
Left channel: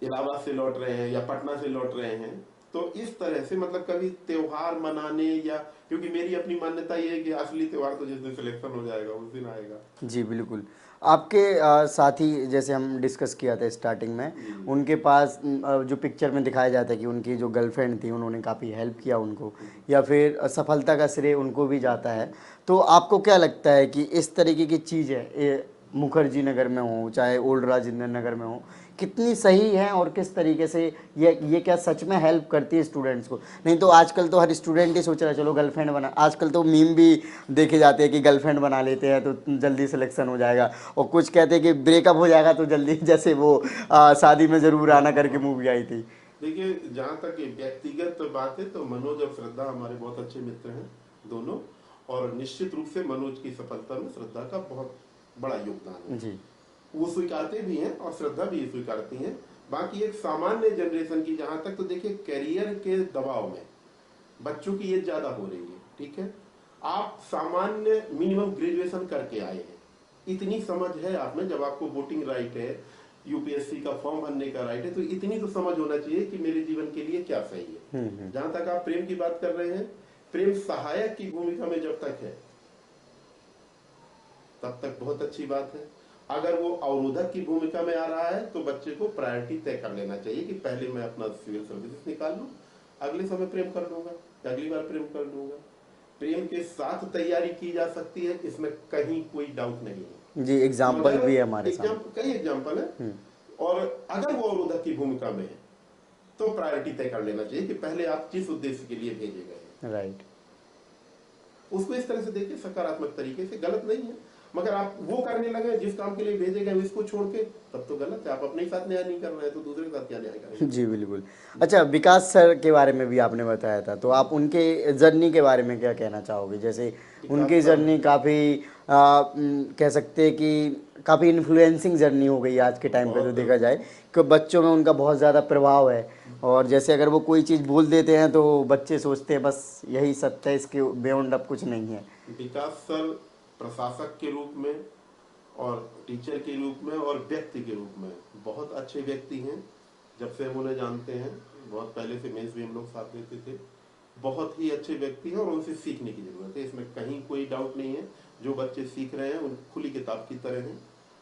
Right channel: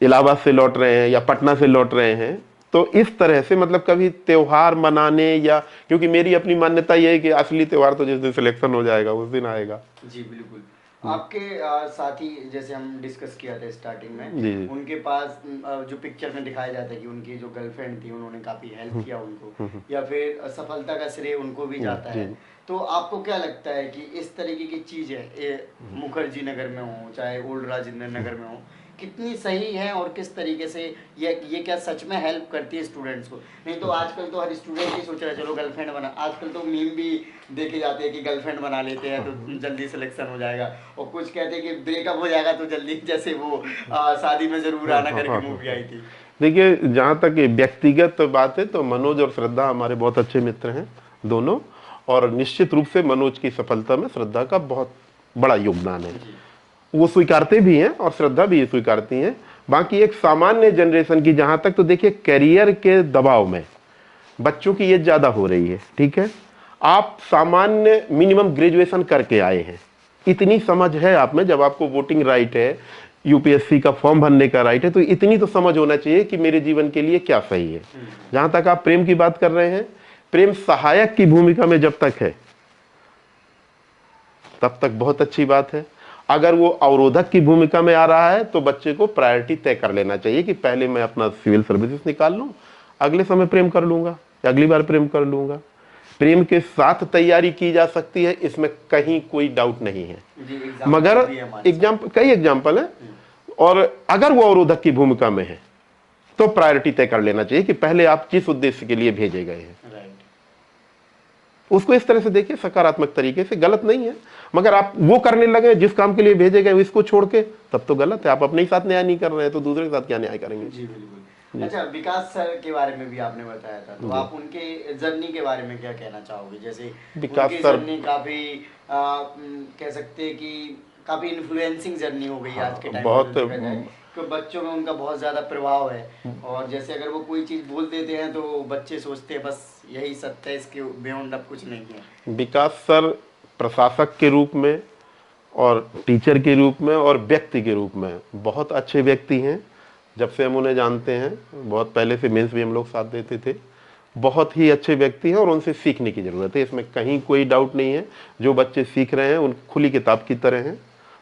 इलाहाबाद से लौट रहे हैं या पटना से लौट रहे हैं, तो इस तरह से मतलब कभी त्योहार मनाने, या क्योंकि मेरी अपनी मान्यता यह है कि असली त्योहार तो जिस दिन सिलेक्शन हो जाएगा उस दिन आएगा। जी बिल्कुल। आपके साथी जैसे हम डिस्कस किया था स्टार्टिंग में, उनके पास जो पिक्चर में दिखाया जाता है कि उनकी जो गर्लफ्रेंड थी उन्होंने काफ़ी हेल्प किया उनको, या फिर सफलता का श्रेय उनको भी जाता है, तो आपको क्या लगता है कि इस तरीके की चीज़ें मुखर्जी नगर में हो चाहे ओल्ड राजेंद्र नगर में हो, कितनी सही है और किस तरीके से ये क्या सच में हेल्प करती है स्टूडेंट्स को? नहीं तो आजकल तो हर स्टूडेंट ही सोच रहा है चलो गर्लफ्रेंड बना, आजकल तो मीम भी देखे जाते हैं कि गर्लफ्रेंड बना लेते हैं तो जल्दी सिलेक्शन हो जाएगा, और कुछ कहते हैं कि ब्रेकअप हो जाएगा तो जल्दी, जैसे वो शादी में जरूर आना करके मूवी आई थी। देखिए, जहाँ तक व्यक्तिगत बात है तो मनोज और श्रद्धा हमारे बहुत अच्छे मित्र हैं दोनों, और निश्चित रूप से मनोज की सफलता में श्रद्धा का बहुत बड़ा योगदान है, वो स्वीकारते भी हैं और श्रद्धा भी स्वीकारती हैं। बाकी एक सामान्य जनरेशन की जहां तक, तो देखिए करियर के दबाव में बच्चों की एज ज्यादा हो रही है, ठीक है, आप सामान्य मिनिमम ग्रेजुएशन करके आए हैं, इतनी समझ है आप में, जब आपको वोटिंग राइट है, UPSC का फॉर्म भरने का राइट है, तो इतनी तो समझ होना चाहिए कि मेरे जीवन के लिए क्या सही है। जहां तक आप प्रेम की बात कर रहे हैं, प्रेम सहायक की भूमिका में जब तक है तब तक बहुत अच्छी बात है। अगर वो अवरोधक की भूमिका में आ रहा है तो बच्चे को प्रायोरिटी तय कर लेना चाहिए कि पहले मैं अपना सिविल सर्विसेज निकाल लूं, अगले समय प्रेम कर लूंगा या अगली बार प्रेम कर लूंगा। प्रेम के साथ तैयारी की जा सकती है, इसमें कहीं कोई डाउट नहीं है जी, मगर कई एग्जाम्पल है, और अगर वो अवरोधक की भूमिका में है तो प्रायोरिटी तय कर लेना चाहिए कि पहले आप किस उद्देश्य के लिए भेजे गए हैं। राइट, उसको इस तरह से देखिए, सकारात्मक तरीके से, गलत नहीं है। मगर आप वो करने लगे जिस काम के लिए भेजे गए इसको छोड़ के, तब तो गलत है। आप अपने ही साथ न्याय नहीं कर रहे हैं तो दूसरे के साथ क्या न्याय करेंगे? जी बिल्कुल। अच्छा, विकास सर के बारे में भी आपने बताया था, तो आप उनके जर्नी के बारे में क्या कहना चाहोगे? जैसे उनकी जर्नी काफ़ी कह सकते हैं कि काफ़ी इन्फ्लुएंसिंग जर्नी हो गई आज के टाइम पर देखा जाए, कि बच्चों में उनका बहुत ज़्यादा प्रभाव है। और जैसे अगर वो कोई चीज़ बोल देते हैं तो बच्चे सोचते हैं बस यही सत्य है, इसके बियॉन्ड अब कुछ नहीं है। विकास सर प्रशासक के रूप में और टीचर के रूप में और व्यक्ति के रूप में बहुत अच्छे व्यक्ति हैं। जब से हम उन्हें जानते हैं, बहुत पहले से मेंस भी हम लोग साथ देते थे, बहुत ही अच्छे व्यक्ति हैं और उनसे सीखने की ज़रूरत है, इसमें कहीं कोई डाउट नहीं है। जो बच्चे सीख रहे हैं उन खुली किताब की तरह हैं,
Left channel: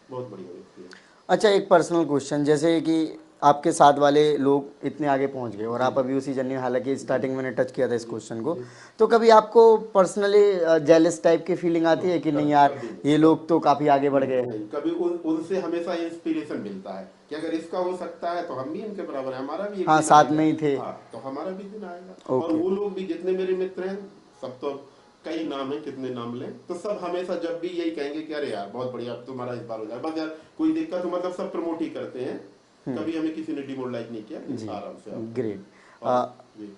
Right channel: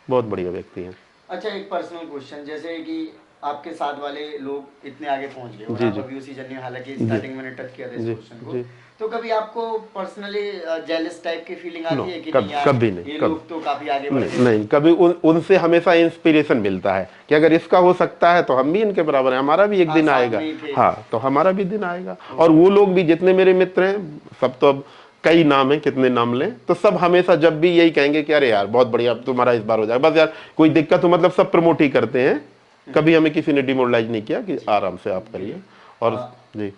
बहुत बढ़िया व्यक्ति हैं। अच्छा, एक पर्सनल क्वेश्चन, जैसे कि आपके साथ वाले लोग इतने आगे पहुंच गए और आप अभी उसी जर्नी, हालांकि स्टार्टिंग मैंने टच किया था इस क्वेश्चन को, तो कभी आपको पर्सनली जेलस टाइप की फीलिंग आती है कि नहीं यार ये लोग तो काफी आगे बढ़ गए? नहीं, कभी उनसे हमेशा इंस्पिरेशन मिलता है कि अगर इसका हो सकता है तो हम भी इनके बराबर हैं, हमारा भी एक दिन आएगा। हाँ, तो हमारा भी दिन आएगा। और वो लोग भी जितने मेरे मित्र हैं, सब तो अब कई नाम है, कितने नाम लें, तो सब हमेशा जब भी यही कहेंगे कि अरे यार बहुत बढ़िया, तुम्हारा इस बार हो जाएगा, बस यार कोई दिक्कत हो, मतलब सब प्रमोट ही करते हैं। कभी हमें किसी ने डिमोरलाइज नहीं किया कि आराम से आप करिए। और जी,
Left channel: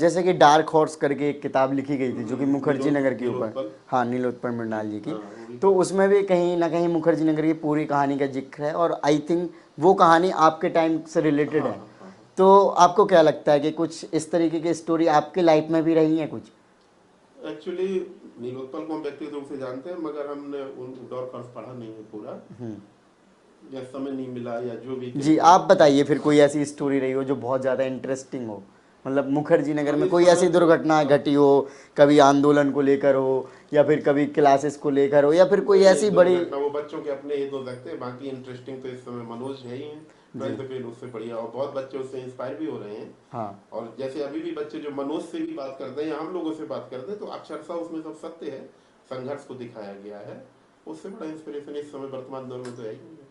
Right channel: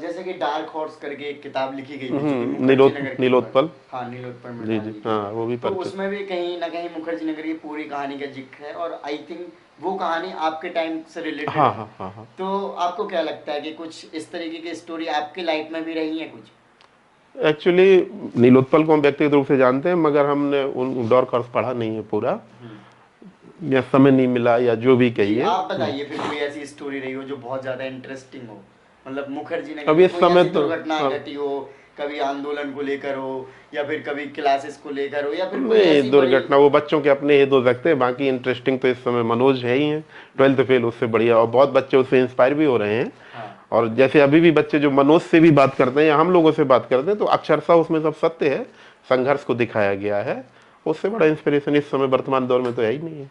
जैसे कि डार्क हॉर्स करके एक किताब लिखी गई थी जो कि मुखर्जी नगर की, नीलोत्पल, हाँ नीलोत्पल मृणाल जी की, हाँ, वो भी तो उसमें भी कहीं ना कहीं मुखर्जी नगर की पूरी कहानी का जिक्र है और आई थिंक वो कहानी आपके टाइम से रिलेटेड है। हाँ। तो आपको क्या लगता है कि कुछ इस तरीके की स्टोरी आपकी लाइफ में भी रही है कुछ? एक्चुअली नीलोत्पल को हम व्यक्तिगत रूप से जानते हैं, मगर हमने उन डार्क हॉर्स पढ़ा नहीं है पूरा, या समय नहीं मिला या जो भी कहिए। आप बताइए फिर कोई ऐसी स्टोरी रही हो जो बहुत ज्यादा इंटरेस्टिंग हो, मतलब मुखर्जी नगर में कोई ऐसी दुर्घटना घटी हो, कभी आंदोलन को लेकर हो या फिर कभी क्लासेस को लेकर हो या फिर कोई ऐसी दुर्घटना, वो बच्चों के अपने ये दो सकते हैं। बाकी इंटरेस्टिंग तो इस समय मनोज है ही है, 12th फेल, उससे बढ़िया, और बहुत बच्चे उससे इंस्पायर भी हो रहे हैं। और जैसे अभी भी बच्चे जो मनोज से भी बात करते हैं या हम लोगों से बात करते हैं, तो अक्षरशः उसमें सब सत्य है, संघर्ष को दिखाया गया है। उससे बड़ा इंस्पिरेशन इस समय वर्तमान दौर में तो है ही नहीं है।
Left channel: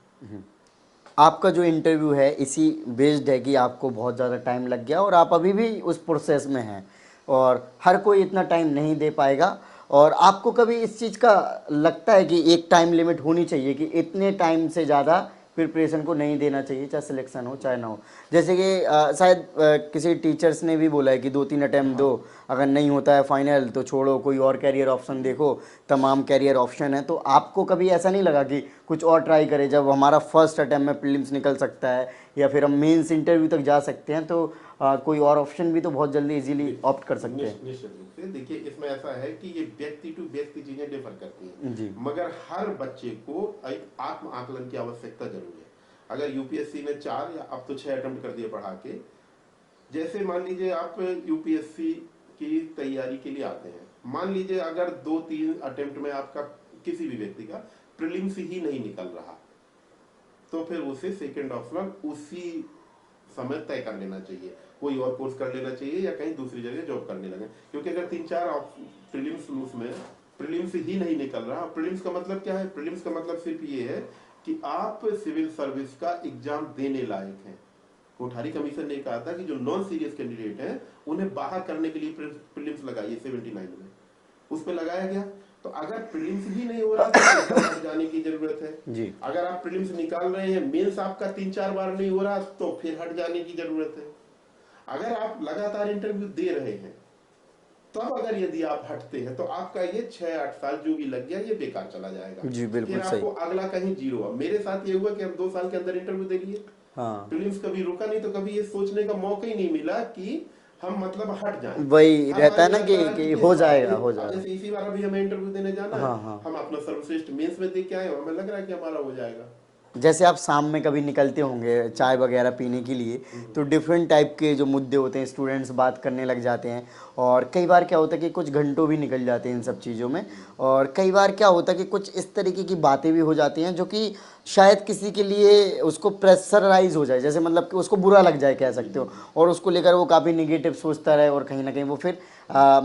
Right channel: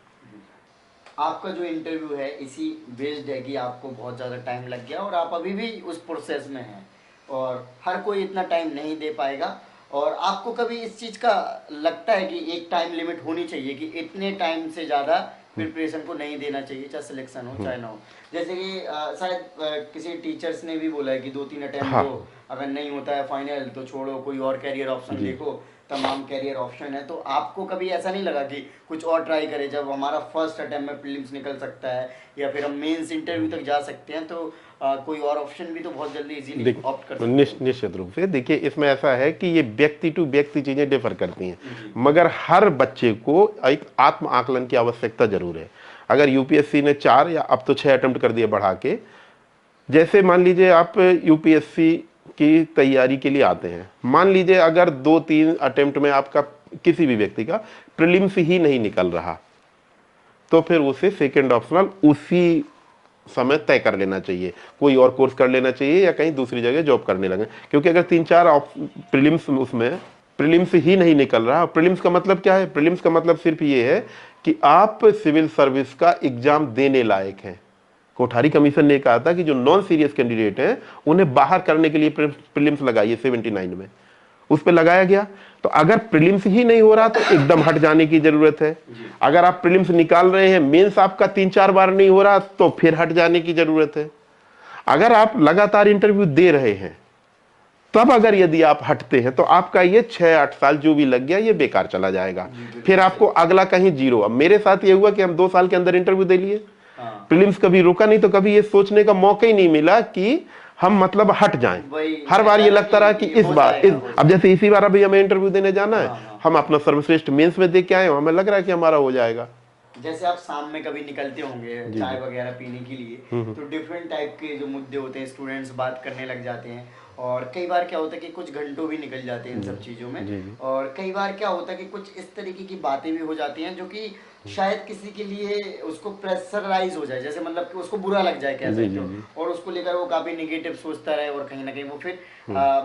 आपका जो इंटरव्यू है इसी बेस्ड है कि आपको बहुत ज़्यादा टाइम लग गया और आप अभी भी उस प्रोसेस में हैं और हर कोई इतना टाइम नहीं दे पाएगा। और आपको कभी इस चीज़ का लगता है कि एक टाइम लिमिट होनी चाहिए कि इतने टाइम से ज़्यादा प्रिपरेशन को नहीं देना चाहिए, चाहे सिलेक्शन हो चाहे ना हो? जैसे कि शायद किसी टीचर्स ने भी बोला है कि 2-3 अटेम्प्ट दो, अगर नहीं होता है फाइनल तो छोड़ो, कोई और कैरियर ऑप्शन देखो, तमाम कैरियर ऑप्शन है। तो आपको कभी ऐसा नहीं लगा कि कुछ और ट्राई करें? जब हमारा फर्स्ट अटेम्प्ट में प्रीलिम्स निकल सकता है या फिर हम मेंस इंटरव्यू तक जा सकते हैं, तो कोई और ऑप्शन भी तो बहुत जल्दी इजीली ऑप्ट कर सकते हैं। निश्चित रूप से देखिए, इसमें ऐसा है कि ये व्यक्ति टू व्यक्ति चीजें डिफर करती हैं, मगर हर बच्चे को एक आत्म आकलन की आवश्यकता जरूर है। अगर यूपीएससी ने 4 या अब तो 6 अटेम्प्ट कर दिए बढ़ा के, जैसे मान लीजिए आप यूपीएससी की तैयारी के लिए आते हैं, मान लीजिए अगर 2-3 अटेम्प्ट में आपका किसी भी व्यक्ति का प्रीलिम्स ही नहीं निकल रहा, तो फिर उसे सेकंड ऑप्शनल उसी समय तय कर लेना चाहिए, कोई और कोर्स कर लेना चाहिए या कहीं दूसरी जगह जॉब करने लगे। क्योंकि अगर 3-4 प्रीलिम्स उसमें प्रीलिम्स ही नहीं निकल रहा, प्रीलिम्स का मतलब क्या है? प्रीलिम्स का मतलब सिर्फ ये है कि आप सिविल सर्विस का एग्जाम देने लायक हैं। कोठारी कमीशन ने कहा था कि जो नॉन सीरियस कैंडिडेट हैं उन्हें बाहर करने के लिए प्रीलिम्स लगाइए 79 में, उस पर लगाया गया। तो अगर प्रीलिम्स ही नहीं हो रहा तो एकदम हट जाने की जरूरत है। अगर आप प्रीलिम्स निकाल रहे हैं, मेंस आपका 3-4 बार नहीं हो रहा, तो फिर हट जाने की जरूरत है। अगर आप लगातार इंटरव्यू दे रहे हैं, तब अगर यदि आप हटते हैं तो आपका ये 6-8 साल जो भी लग गया ये बेकार चला जाएगा। फिर आपको अगला कहीं जीरो। अब मेरे साथ ये हुआ कि हम 2 साल के अंदर इंटरव्यू दे लिए, प्रीलिम्स कभी रुका नहीं, तो कभी ये सोचने का मौका ही नहीं मिला कि हम मतलब हट जाएं। हर बार ये लगता रहा कि इस बार अब जैसे इसी बार अभी हमें इंटरव्यू देने जाना है, हम अपना सर्वश्रेष्ठ मेंस में दे के आए, हमें लग रहा है कि हमारा हो जाएगा। जैसे आप शाम में कभी निकलते होंगे चाय वगैरह पीने के लिए, तो डिफरेंट टाइप के जो मुद्दे होते हैं स्टूडेंट्स बात करने लग जाते हैं और कई बार क्या होता है कि कुछ घंटों भी निकल जाते हैं इन सब चीज़ों में। और कई बार क्या होता है कि कुछ इस तरीके की बातें भी हो जाती हैं जो कि शायद किसी के लिए उसको प्रेशराइज हो जाए, जैसे मतलब कि उसको बुरा लग जाए कह सकते हो, और उसको लेकर वो काफ़ी निगेटिव सोचता रहे और कहीं ना कहीं वो फिर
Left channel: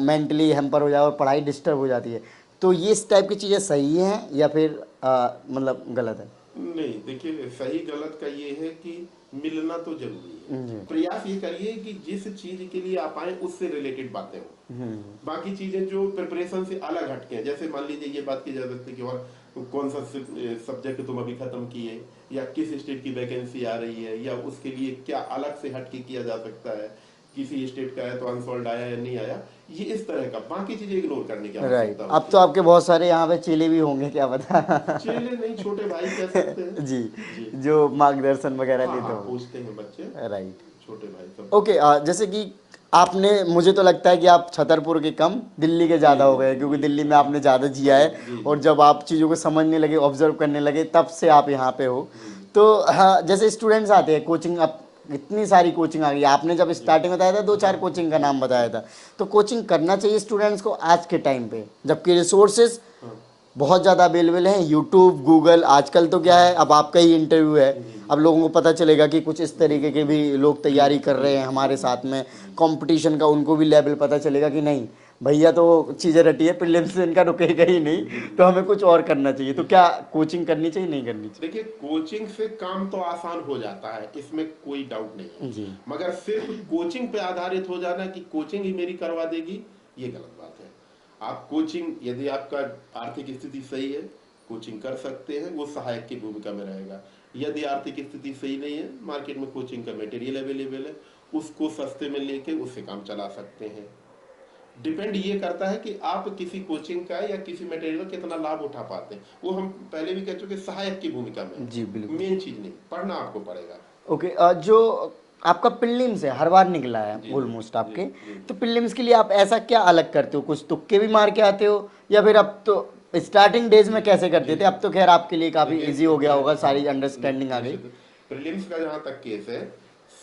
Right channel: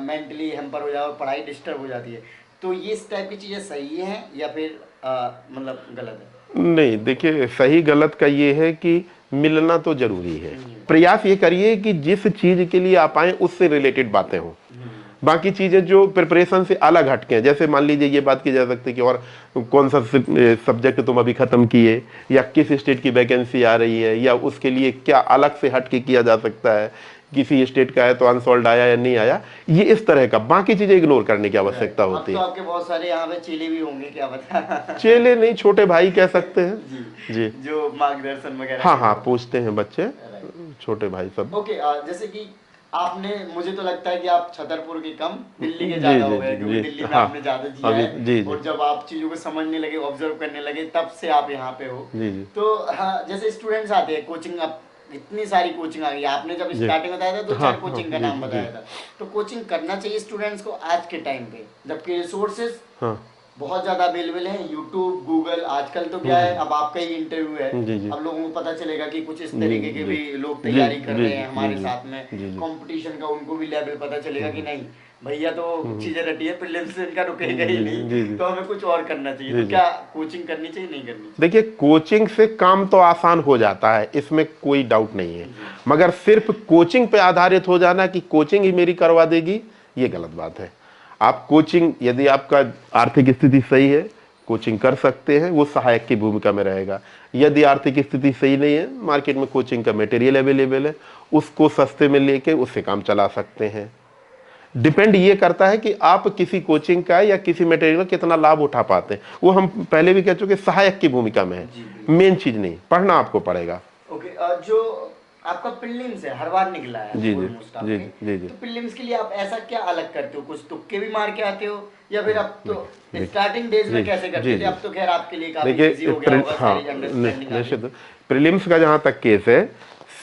मेंटली हैम्पर हो जाए और पढ़ाई डिस्टर्ब हो जाती है। तो ये इस टाइप की चीज़ें सही हैं या फिर मतलब गलत है? नहीं, देखिए, सही गलत का ये है कि मिलना तो जरूरी है। प्रयास ये करिए कि जिस चीज के लिए आप आए उससे रिलेटेड बातें हो। बाकी चीजें जो प्रिपरेशन से अलग हटके हैं, जैसे मान लीजिए ये बात की जा सकती है कि और कौन सा सब्जेक्ट तुम अभी खत्म किए, या किस स्टेट की वैकेंसी आ रही है, या उसके लिए क्या अलग से हटके किया जा सकता है, किसी स्टेट का है तो अनसॉल्व आया या नहीं आया, ये इस तरह का। बाकी चीजें इग्नोर करने की आवश्यकता अब होती तो है। आपके बहुत सारे यहाँ पे चेले भी होंगे, क्या पता। चेले नहीं, छोटे भाई कह सकते हैं। जी जी। जो मार्गदर्शन वगैरह हाँ के हाँ, लोग। पूछते हैं बच्चे, राइट। छोटे भाई सब। ओके, जैसे कि आपने, मुझे तो लगता है कि आप छतरपुर के कम दिल्ली के ज्यादा जी, हो गए, जी, क्योंकि जी, दिल्ली में हाँ, आपने ज्यादा जिया जी, है। जी। और जब आप चीजों को समझने लगे, ऑब्जर्व करने लगे, तब से आप यहाँ पे हो। जी, जी। तो हाँ, जैसे स्टूडेंट्स आते हैं कोचिंग, अब इतनी सारी कोचिंग आ गई। आपने जब स्टार्टिंग बताया था, 2-4 कोचिंग का नाम बताया था। तो कोचिंग करना चाहिए स्टूडेंट्स को आज के टाइम पे, जबकि रिसोर्सेज बहुत ज़्यादा अवेलेबल हैं, यूट्यूब, गूगल। आजकल तो क्या है, अब आपका ही इंटरव्यू है, अब लोगों को पता चलेगा कि कुछ इस तरीके के भी लोग तैयारी कर रहे हैं हमारे साथ में, कंपटीशन का उनको भी लेवल पता चलेगा कि नहीं भैया तो चीज़ें रटी है, प्रीलिम्स से इनका रुकेगा ही नहीं, तो हमें कुछ और करना चाहिए। तो क्या कोचिंग करनी चाहिए, नहीं करनी चाहिए? देखिए, कोचिंग से काम तो आसान हो जाता है, इसमें कोई डाउट नहीं है, मगर सिर्फ कोचिंग पे आधारित हो जाना कि कोचिंग ही मेरी करवा देगी, ये गलत बात है। आप कोचिंग, यदि आपका आर्थिक स्थिति सही है, कोचिंग कर सकते हैं, वो सहायक की भूमिका में रहेगा। यदि आर्थिक स्थिति सही नहीं है, मार्केट में कोचिंग का मटेरियल अवेलेबल है, उसको सस्ते में लेके उससे काम चला सकते हैं। डिपेंड ये करता है कि आप किसी कोचिंग का या किसी मटेरियल का कितना लाभ उठा पाते हैं। वो हम पहले भी कह चुके, सहायक की भूमिका में है, मेन चीज नहीं। पढ़ना आपको पड़ेगा। ओके, जो आपका प्रीलिम्स है, हर बार निकला जी, है जी, ऑलमोस्ट आपके, जी, जी। तो प्रीलिम्स के लिए आप ऐसा क्या अलग करते हो? कुछ तुक्के भी मार के आते हो, या फिर अब तो स्टार्टिंग डेज में कैसे करते थे? अब तो खैर आपके लिए काफी इजी हो गया होगा, सारी अंडरस्टैंडिंग आ गई। प्रीलिम्स का जहां तक केस है,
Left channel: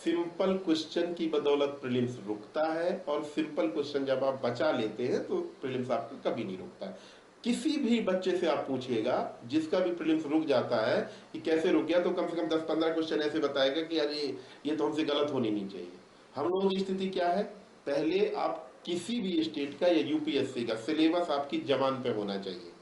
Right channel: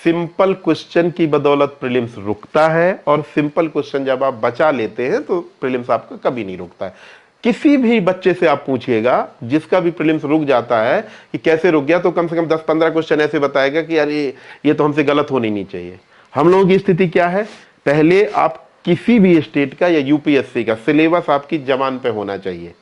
सिंपल क्वेश्चन की बदौलत प्रीलिम्स रुकता है, और सिंपल क्वेश्चन जब आप बचा लेते हैं तो प्रीलिम्स आपका कभी नहीं रुकता है। किसी भी बच्चे से आप पूछिएगा जिसका भी प्रीलिम्स रुक जाता है कि कैसे रुक गया, तो कम से कम 10-15 क्वेश्चन ऐसे बताएगा कि यार ये तो हमसे गलत होनी नहीं चाहिए। हम लोगों की स्थिति क्या है, पहले आप किसी भी स्टेट का या यूपीएससी का सिलेबस आपकी जबान पे होना चाहिए,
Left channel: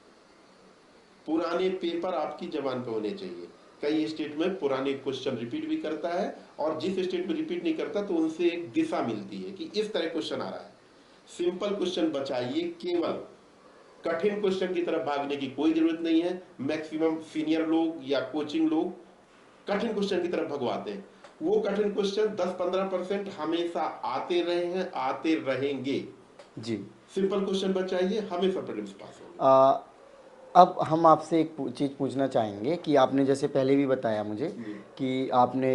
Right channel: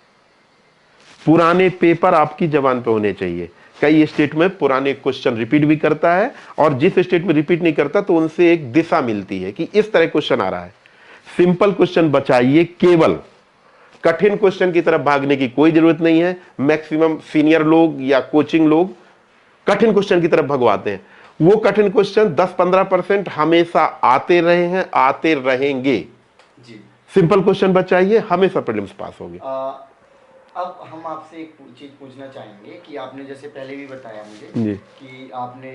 पुराने पेपर आपकी जबान पे होने चाहिए। कई स्टेट में पुराने क्वेश्चन रिपीट भी करता है, और जिस स्टेट में रिपीट नहीं करता तो उनसे एक दिशा मिलती है कि इस तरह क्वेश्चन आ रहा है। सिंपल क्वेश्चन बचाइए, केवल कठिन क्वेश्चन की तरफ भागने की कोई जरूरत नहीं है। मैक्सिमम सीनियर लोग या कोचिंग लोग कठिन क्वेश्चन की तरफ भगवाते हैं। वो कठिन क्वेश्चन 10-15% हमेशा आते रहे हैं, आते रहेंगे। जी। सिंपल क्वेश्चन बचाइए, हमेशा प्रीलिम्स पास होगी। अब हम आपसे एक चीज़ पूछना चाहेंगे कि आपने जैसे पहले भी बताया मुझे कि आपने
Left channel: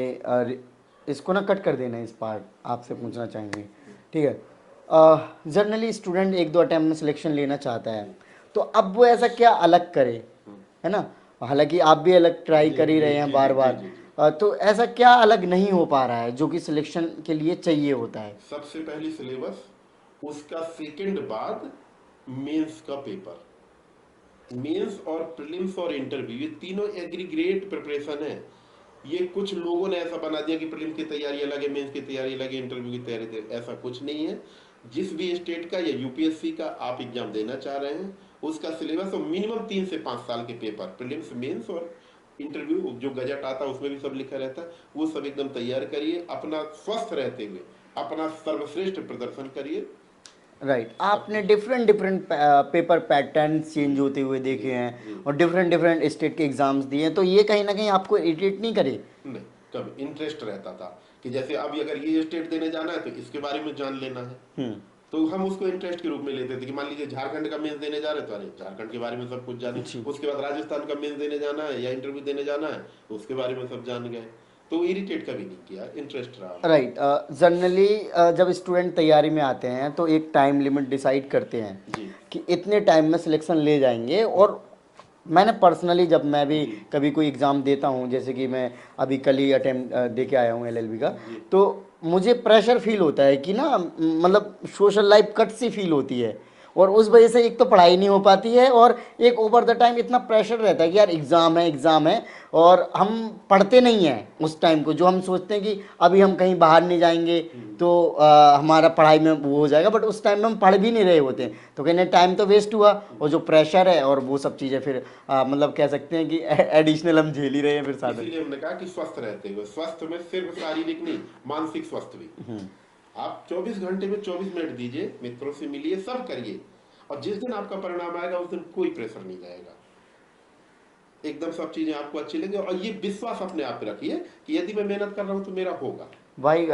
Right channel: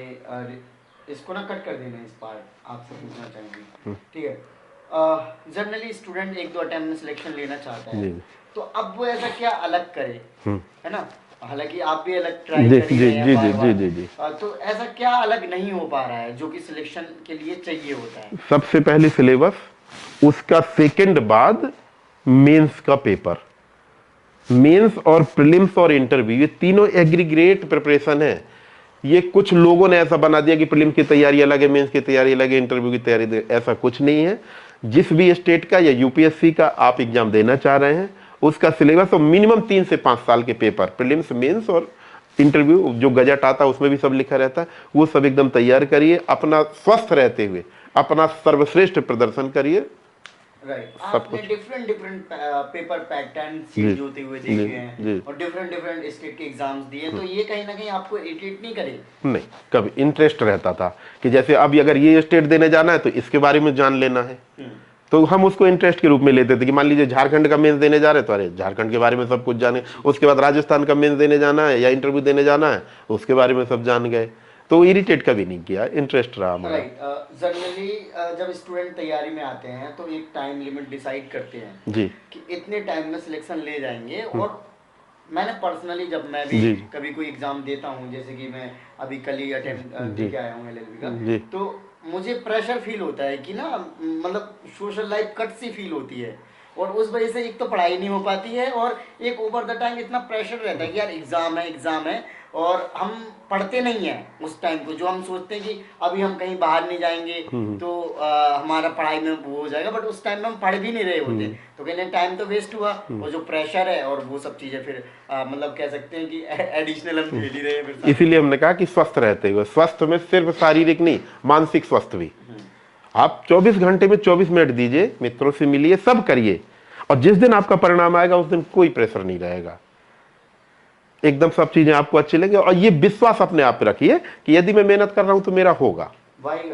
इसको ना कट कर देना, इस पार्ट आपसे पूछना चाहेंगे, ठीक है? जनरली स्टूडेंट 1-2 अटेम्प्ट में सिलेक्शन लेना चाहता है, तो अब वो ऐसा क्या अलग करे, है ना? हालांकि आप भी अलग ट्राई कर ही रहे हैं बार बार, तो ऐसा क्या अलग नहीं हो पा रहा है जो कि सिलेक्शन के लिए चाहिए होता है? सबसे पहले सिलेबस, उसका सेकंड बाद मेंस का पेपर। मेंस और प्रीलिम्स और इंटरव्यू, ये तीनों एग्रीगेट प्रिपरेशन है। ये कुछ लोगों ने ऐसा बना दिया कि प्रीलिम्स की तैयारी अलग है, मेंस की तैयारी अलग है, इंटरव्यू की तैयारी, ऐसा कुछ नहीं है। जिस भी स्टेट का या यूपीएससी का आप एग्जाम देना चाह रहे हैं, उसका सिलेबस और मिनिमम 3 से 5 साल के पेपर, प्रीलिम्स, मेंस और इंटरव्यू, जो गजट आता है उसमें भी सब लिखा रहता है, वो सब एकदम तैयार करिए। अपना स्वस्थ रहते हुए अपना सर्वश्रेष्ठ प्रदर्शन करिए। राइट। आपने डिफरेंट पेपर पैटर्न सीट होते हुए देखे हैं, और डिफरेंट स्टेट के एग्जाम्स दिए हैं, तो ये कहीं ना कहीं आपको इरिटेट नहीं करे? नहीं, कभी इंटरेस्ट रहता था कि जैसे अब अगर ये स्टेट देने जाना है तो इसके बारे में जान लेना है, तो हम उसको इंटरेस्ट के रूप में लेते थे कि मान लीजिए झारखंड का मेंस देने जा रहे तो अरे झारखंड के बारे में सब कुछ जाने, उसके बाद राजस्थान का मेंस देने जाना है या इंटरव्यू देने जाना है, उसके बारे में सब जान गए। तो इरिटेट कभी नहीं किया, इंटरेस्ट रहा। राइट। जनरली जब स्टूडेंट तैयारी में आते हैं तो एक टाइम लिमिट डिसाइड करते हैं जी कि इतने टाइम में सिलेक्शन ले जाएंगे, और मैंने पर्सनली जब मैं भी कभी कोई एग्जाम देता हूँ, जैसे कि मैं अभी कल ही अटेम्प्ट दे के आया हूँ एलएलबी का, तो मुझे प्रेशर फील होता है कि ना, मतलब सोशल लाइफ कट सी फील होती है। और उस वजह से एक तो पढ़ाई नहीं हो पाती है, और एक ओवर द टाइम इतना प्रेशर रहता है कि यार एग्ज़ाम है, और हम पढ़ते नहीं हैं उस टाइम को। जो हम सोचते हैं कि अभी हम कहीं बाहर नहीं जाएंगे तो हमारा पढ़ाई में वो हो जाएगा, बट उस टाइम में हम पढ़ भी नहीं रहे होते, तो कहने टाइम तो वेस्ट हुआ, और जो प्रेशर है और वो सब चीज़ें फिर मतलब कह सकते हैं कि एडिशनल हम झेल ही रहे हैं फिर साथ। इसीलिए हमने कहा कि स्वस्थ रहते हुए, स्वस्थ में सिर्फ शारीरिक नहीं, मानसिक स्वस्थ भी। आप 24 घंटे में 24 मिनट दीजिए, मित्रों से मिलिए, सब करिए, और जिस दिन आपका परिणाम आएगा उस दिन कोई प्रेशर नहीं रहेगा, एकदम सब चीजें आपको अच्छी लगे। और ये विश्वास अपने आप पे रखिए कि यदि मैं मेहनत कर रहा हूं तो मेरा होगा। भाई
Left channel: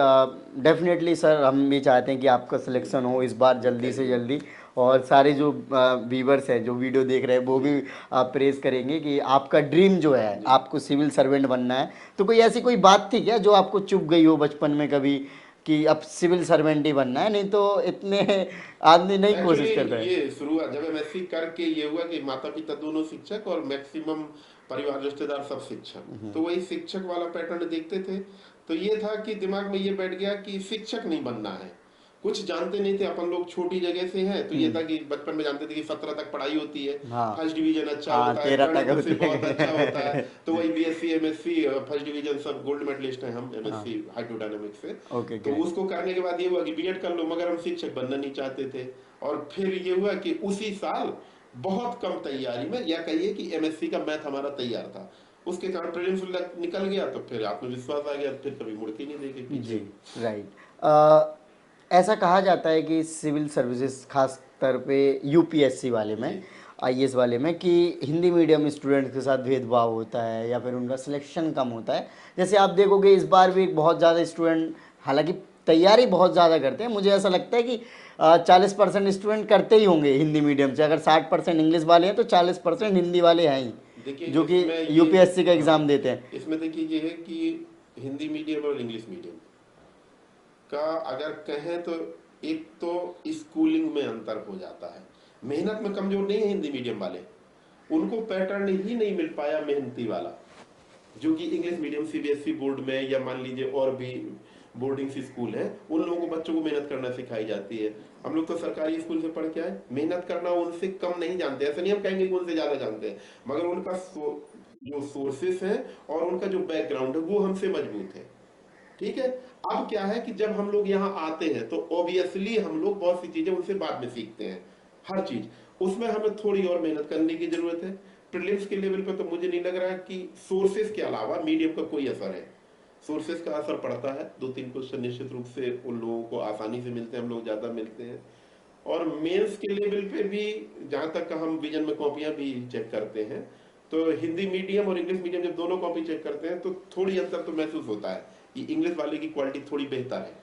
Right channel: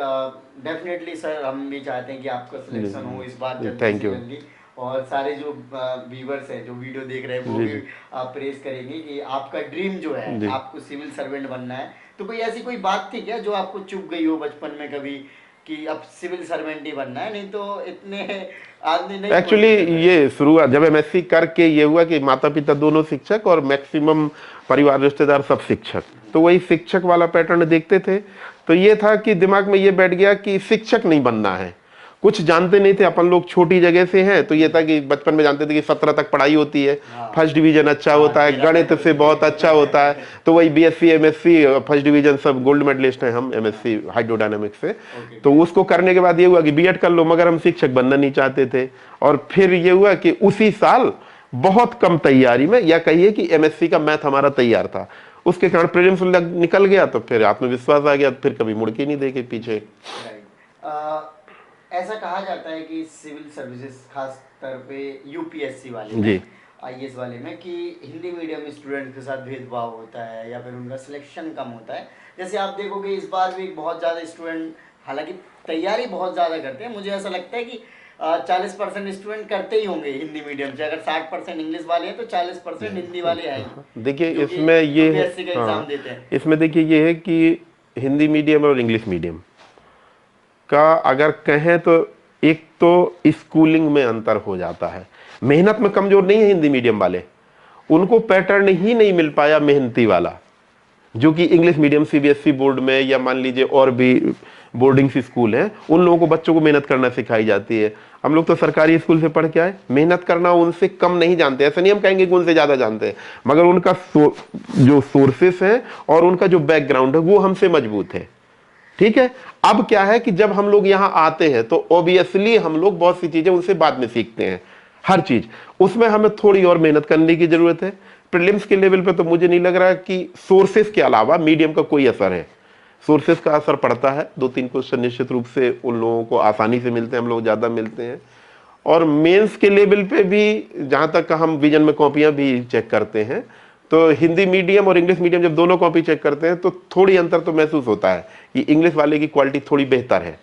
डेफिनेटली सर, हम भी चाहते हैं कि आपका सिलेक्शन हो इस बार जल्दी से जल्दी, और सारे जो व्यूवर्स हैं जो वीडियो देख रहे हैं वो भी प्रेस करेंगे कि आपका ड्रीम जो है, आपको सिविल सर्वेंट बनना है। तो कोई ऐसी कोई बात थी क्या जो आपको चुभ गई हो बचपन में कभी कि अब सिविल सर्वेंट ही बनना है, नहीं तो इतने आदमी नहीं? एक्चुअली ये शुरुआत जब एमएससी करके ये हुआ कि माता पिता दोनों शिक्षक और मैक्सिमम परिवार रिश्तेदार सब शिक्षक, तो वही शिक्षक वाला पैटर्न देखते थे। तो ये था कि दिमाग में ये बैठ गया कि शिक्षक नहीं बनना है। कुछ जानते नहीं थे, अपन लोग छोटी जगह से हैं, तो ये था कि बचपन में जानते थे कि 17 तक पढ़ाई होती है, फर्स्ट डिवीजन अच्छा होता है, गणित से बहुत अच्छा होता है, तो वही बीएससी एमएससी फर्स्ट डिवीजन सब गोल्ड मेडलिस्ट हैं हम एमएससी हाइड्रोडायनामिक्स से। तो उसको करने के बाद ये हुआ कि बीएड कर लो, मगर हम शिक्षक बनना नहीं चाहते थे। और फिर ये हुआ कि उसी साल बहुत कम तैयारी में, या कहिए कि एमएससी का मैथ हमारा तैयार था, उसके कारण प्रीलिम्स निकल गया, तो फिर आत्मविश्वास आ गया, फिर कभी मुड़ के नहीं देखे पीछे। राइट। ऐसा कहा जाता है कि सिविल सर्विसेज खास तौर पे यूपीएससी वाले में, आईएएस वाले में, कि हिंदी मीडियम स्टूडेंट्स के साथ भेदभाव होता है या फिर उनका सिलेक्शन कम होता है। जैसे आप देखोगे इस बार भी बहुत ज़्यादा स्टूडेंट, हालांकि तैयारी बहुत ज़्यादा करते हैं, मुझे ऐसा लगता है कि 40% स्टूडेंट करते ही होंगे हिंदी मीडियम से। अगर 60% इंग्लिश वाले हैं तो 40% हिंदी वाले हैं ही। देखिए इसमें ये यूपीएससी का एग्जाम देते हैं। इसमें देखिए ये है कि हिंदी मीडियम और इंग्लिश मीडियम का अगर कहें तो एक तो स्कूलिंग में अंतर हो जाता है। मेहनत में कमजोर नहीं है हिंदी मीडियम वाले, उनको पैटर्न ही नहीं मिल पाया मेहनती वाला, जो कि इंग्लिश मीडियम सीबीएसई बोर्ड में या मान लीजिए और भी बोर्डिंग स्कूल हैं, उन लोगों को बच्चों को मेहनत करना सिखाई जाती है। हम लोग तो सरकारी स्कूल से पढ़ के आए, मेहनत करना उनसे कम नहीं जानते, ऐसा नहीं हम कहेंगे कि उनसे ज्यादा जानते हैं, मगर उनका जो सोर्सेस है और उनका जो बैकग्राउंड है वो हमसे मजबूत है। ठीक है, अब क्या है कि जब हम लोग यहाँ आते हैं तो ऑब्वियसली हम लोग बहुत सी चीजें उनसे बाद में सीखते हैं, हर चीज उसमें हमें थोड़ी और मेहनत करने की जरूरत है। प्रीलिम्स के लेवल पे तो मुझे नहीं लग रहा कि सोर्सेस के अलावा मीडियम का कोई असर है। सोर्सेस का असर पड़ता है, 2-3 क्वेश्चन निश्चित रूप से उन लोगों को आसानी से मिलते हैं, हम लोग ज्यादा मिलते हैं। और मेंस के लेवल पे भी जहां तक हम विजन में कॉपियां भी चेक करते हैं, तो हिंदी मीडियम और इंग्लिश मीडियम जब दोनों कॉपी चेक करते हैं तो थोड़ी अंतर तो महसूस होता है कि इंग्लिश वाले की क्वालिटी थोड़ी बेहतर है।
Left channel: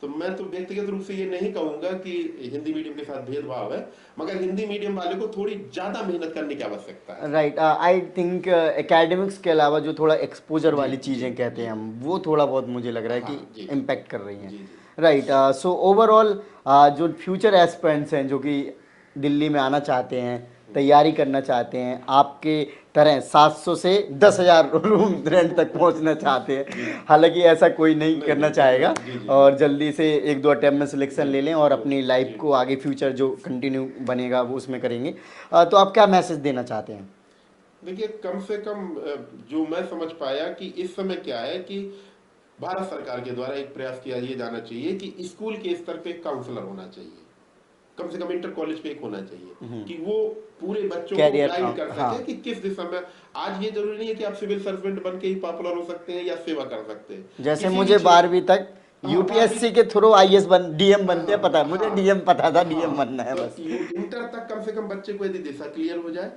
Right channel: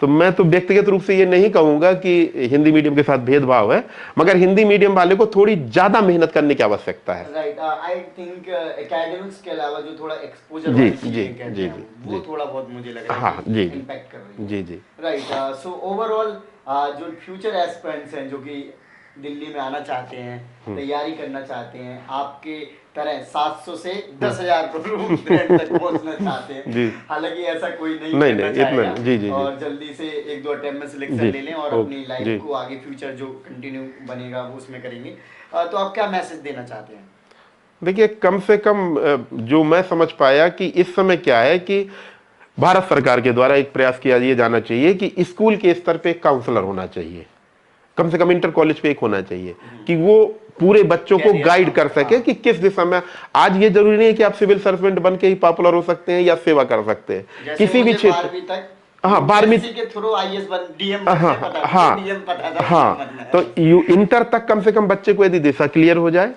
तो मैं तो व्यक्तिगत रूप से ये नहीं कहूंगा कि हिंदी मीडियम के साथ भेदभाव है, मगर हिंदी मीडियम वाले को थोड़ी ज्यादा मेहनत करने की आवश्यकता है। राइट, आई थिंक एकेडमिक्स के अलावा जो थोड़ा एक्सपोजर वाली चीजें कहते हैं हम, वो थोड़ा बहुत मुझे लग रहा है कि इम्पैक्ट कर रही है। जी जी। राइट, सो ओवरऑल जो फ्यूचर एस्पिरेंट्स हैं जो कि दिल्ली में आना चाहते हैं, तैयारी करना चाहते हैं, आपके तरह 700 से 10,000 रूम रेंट तक पहुंचना चाहते हैं, हालांकि ऐसा कोई नहीं करना चाहेगा, और जल्दी से 1-2 अटेम्प्ट में सिलेक्शन ले लें और अपनी लाइफ को आगे फ्यूचर जो कंटिन्यू बनेगा वो उसमें करेंगे। तो आप क्या मैसेज देना चाहते हैं? देखिए, कम से कम जो मैं समझ पाया कि इस समय क्या है कि भारत सरकार के द्वारा एक प्रयास किया जाना चाहिए कि स्कूल के स्तर पे काउंसलर होना चाहिए, कम से कम इंटर कॉलेज पे एक होना चाहिए, कि वो पूरे बच्चों को गाइड कर सके कि किस दिशा में। आज ये जरूरी नहीं है कि आप सिविल सर्वेंट बन के ही पॉपुलर हो सकते हैं या सेवा कर सकते हैं। किसी भी 12वीं तक 12वीं के थ्रू आईएएस बन डीएम बन गया, पता था, डीएम पता था, डीएम बनना है। तो इंटर तक कम से कम बच्चे को यदि दिशा क्लियर हो जाए,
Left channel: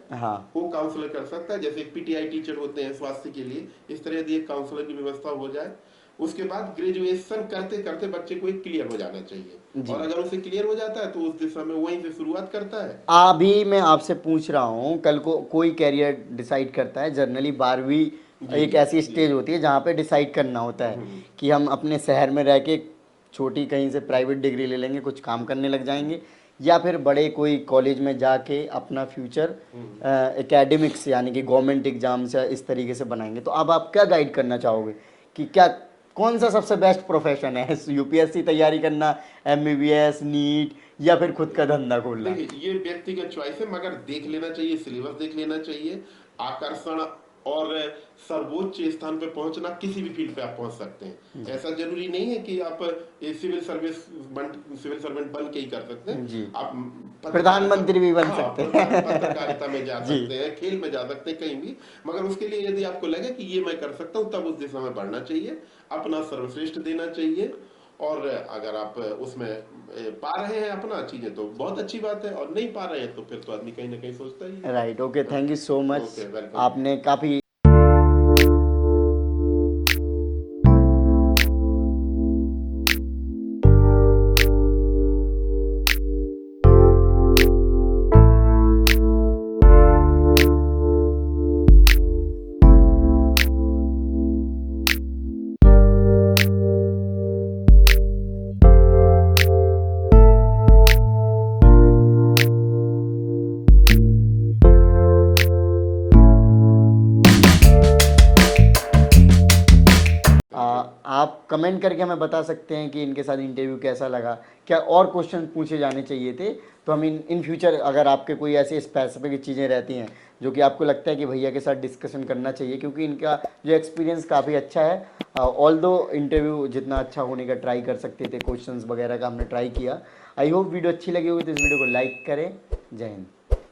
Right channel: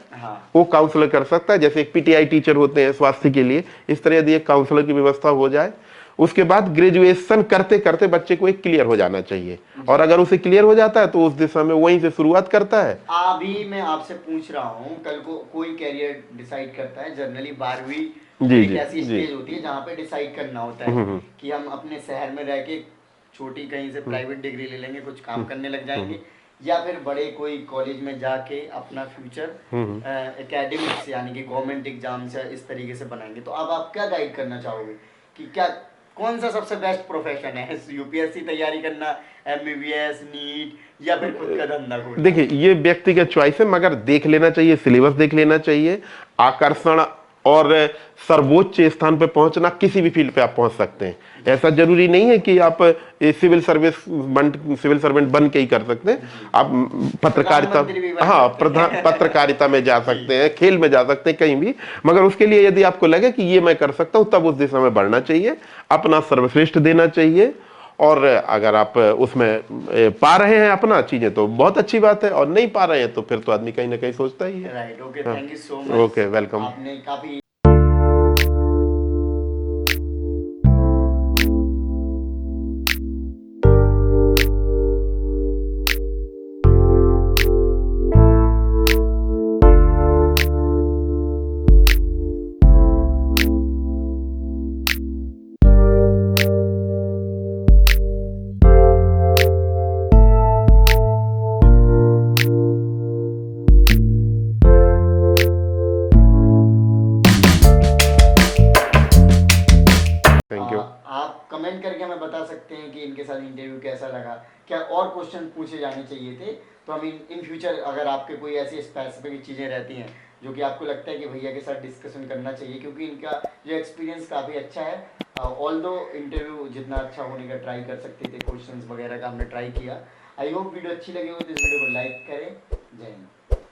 वो काउंसलर कर सकता है। जैसे एक पीटीआई टीचर होते हैं स्वास्थ्य के लिए, इस तरह यदि एक काउंसलर की व्यवस्था हो जाए, उसके बाद ग्रेजुएशन करते करते बच्चे को एक क्लियर हो जाना चाहिए, और अगर उसे क्लियर हो जाता है तो उस दिशा में वहीं से शुरुआत करता है। अभी मैं आपसे पूछ रहा हूँ, कल को कोई कैरियर डिसाइड करता है, जनरली 12वीं एक ऐसी स्टेज होती है जहाँ पे डिसाइड करना होता है कि हम अपने शहर में रह के छोटी कहीं से प्राइवेट डिग्री ले लेंगे, कुछ काम करने लग जाएंगे, या फिर बड़े कोई कॉलेज में जाके अपना फ्यूचर एकेडमिक्स यानी कि गवर्नमेंट एग्जाम से इस तरीके से बनाएंगे। तो अब आप क्या गाइड करना चाहोगे कि क्या कौन सा सबसे बेस्ट प्रोफेशन है? यूपीएससी तैयारी करना, एमबीबीएस, नीट, या फिर खुद का धंधा खोलना? देखिए ये व्यक्तिगत चॉइस है, मगर देख लेना चाहिए, सिलेबस देख लेना चाहिए। आकर्षण और सर्वोच्च स्थान पे पहुंचना, किसी भी फील्ड पे आप पहुंच सकते हैं। ऐसा जरूरी नहीं है कि आप सिविल सर्वेंट बन के ही कर सकते हैं। आप पत्रकारिता, हाँ, पत्रकारिता में जा सकते हैं, खेल में जा सकते हैं, कहीं भी। मगर उसके लिए यदि आपको लगे कि ये मैं कर सकता हूं, तब उस दिशा में बढ़ना चाहिए, अपना सर्वश्रेष्ठ देना चाहिए। और अगर आप उसमें पा रहे हैं अपना चीजें तो बहुत अच्छी बात है, और नहीं पा रहे हैं तो फिर तो आदमी कहीं ना कहीं सोचता ही है। Right, okay, thank you so much. Okay, welcome. आपने काफी आप कमेंट करके हमें बता सकते हैं कि इनके साथ इंटरव्यू कैसा लगा, क्या और क्वेश्चन पूछे जाने चाहिए थे, तो हम इन फ्यूचर अगर आपके कोई ऐसी स्पेसिफिक चीज़ें रहती हैं जो कि आपको लगता है कि भैया के साथ डिस्कशन करना चाहिए, क्योंकि इनका जो एक्सपीरियंस काफ़ी अच्छा है। ऑल दो इंटरव्यू जितना अच्छा होने का ट्राई कर सकते थे, क्वेश्चंस वगैरह का हमने ट्राई किया। आई होप वीडियो अच्छी लगी हुई तो इस वीडियो को लाइक करें। जय हिंद।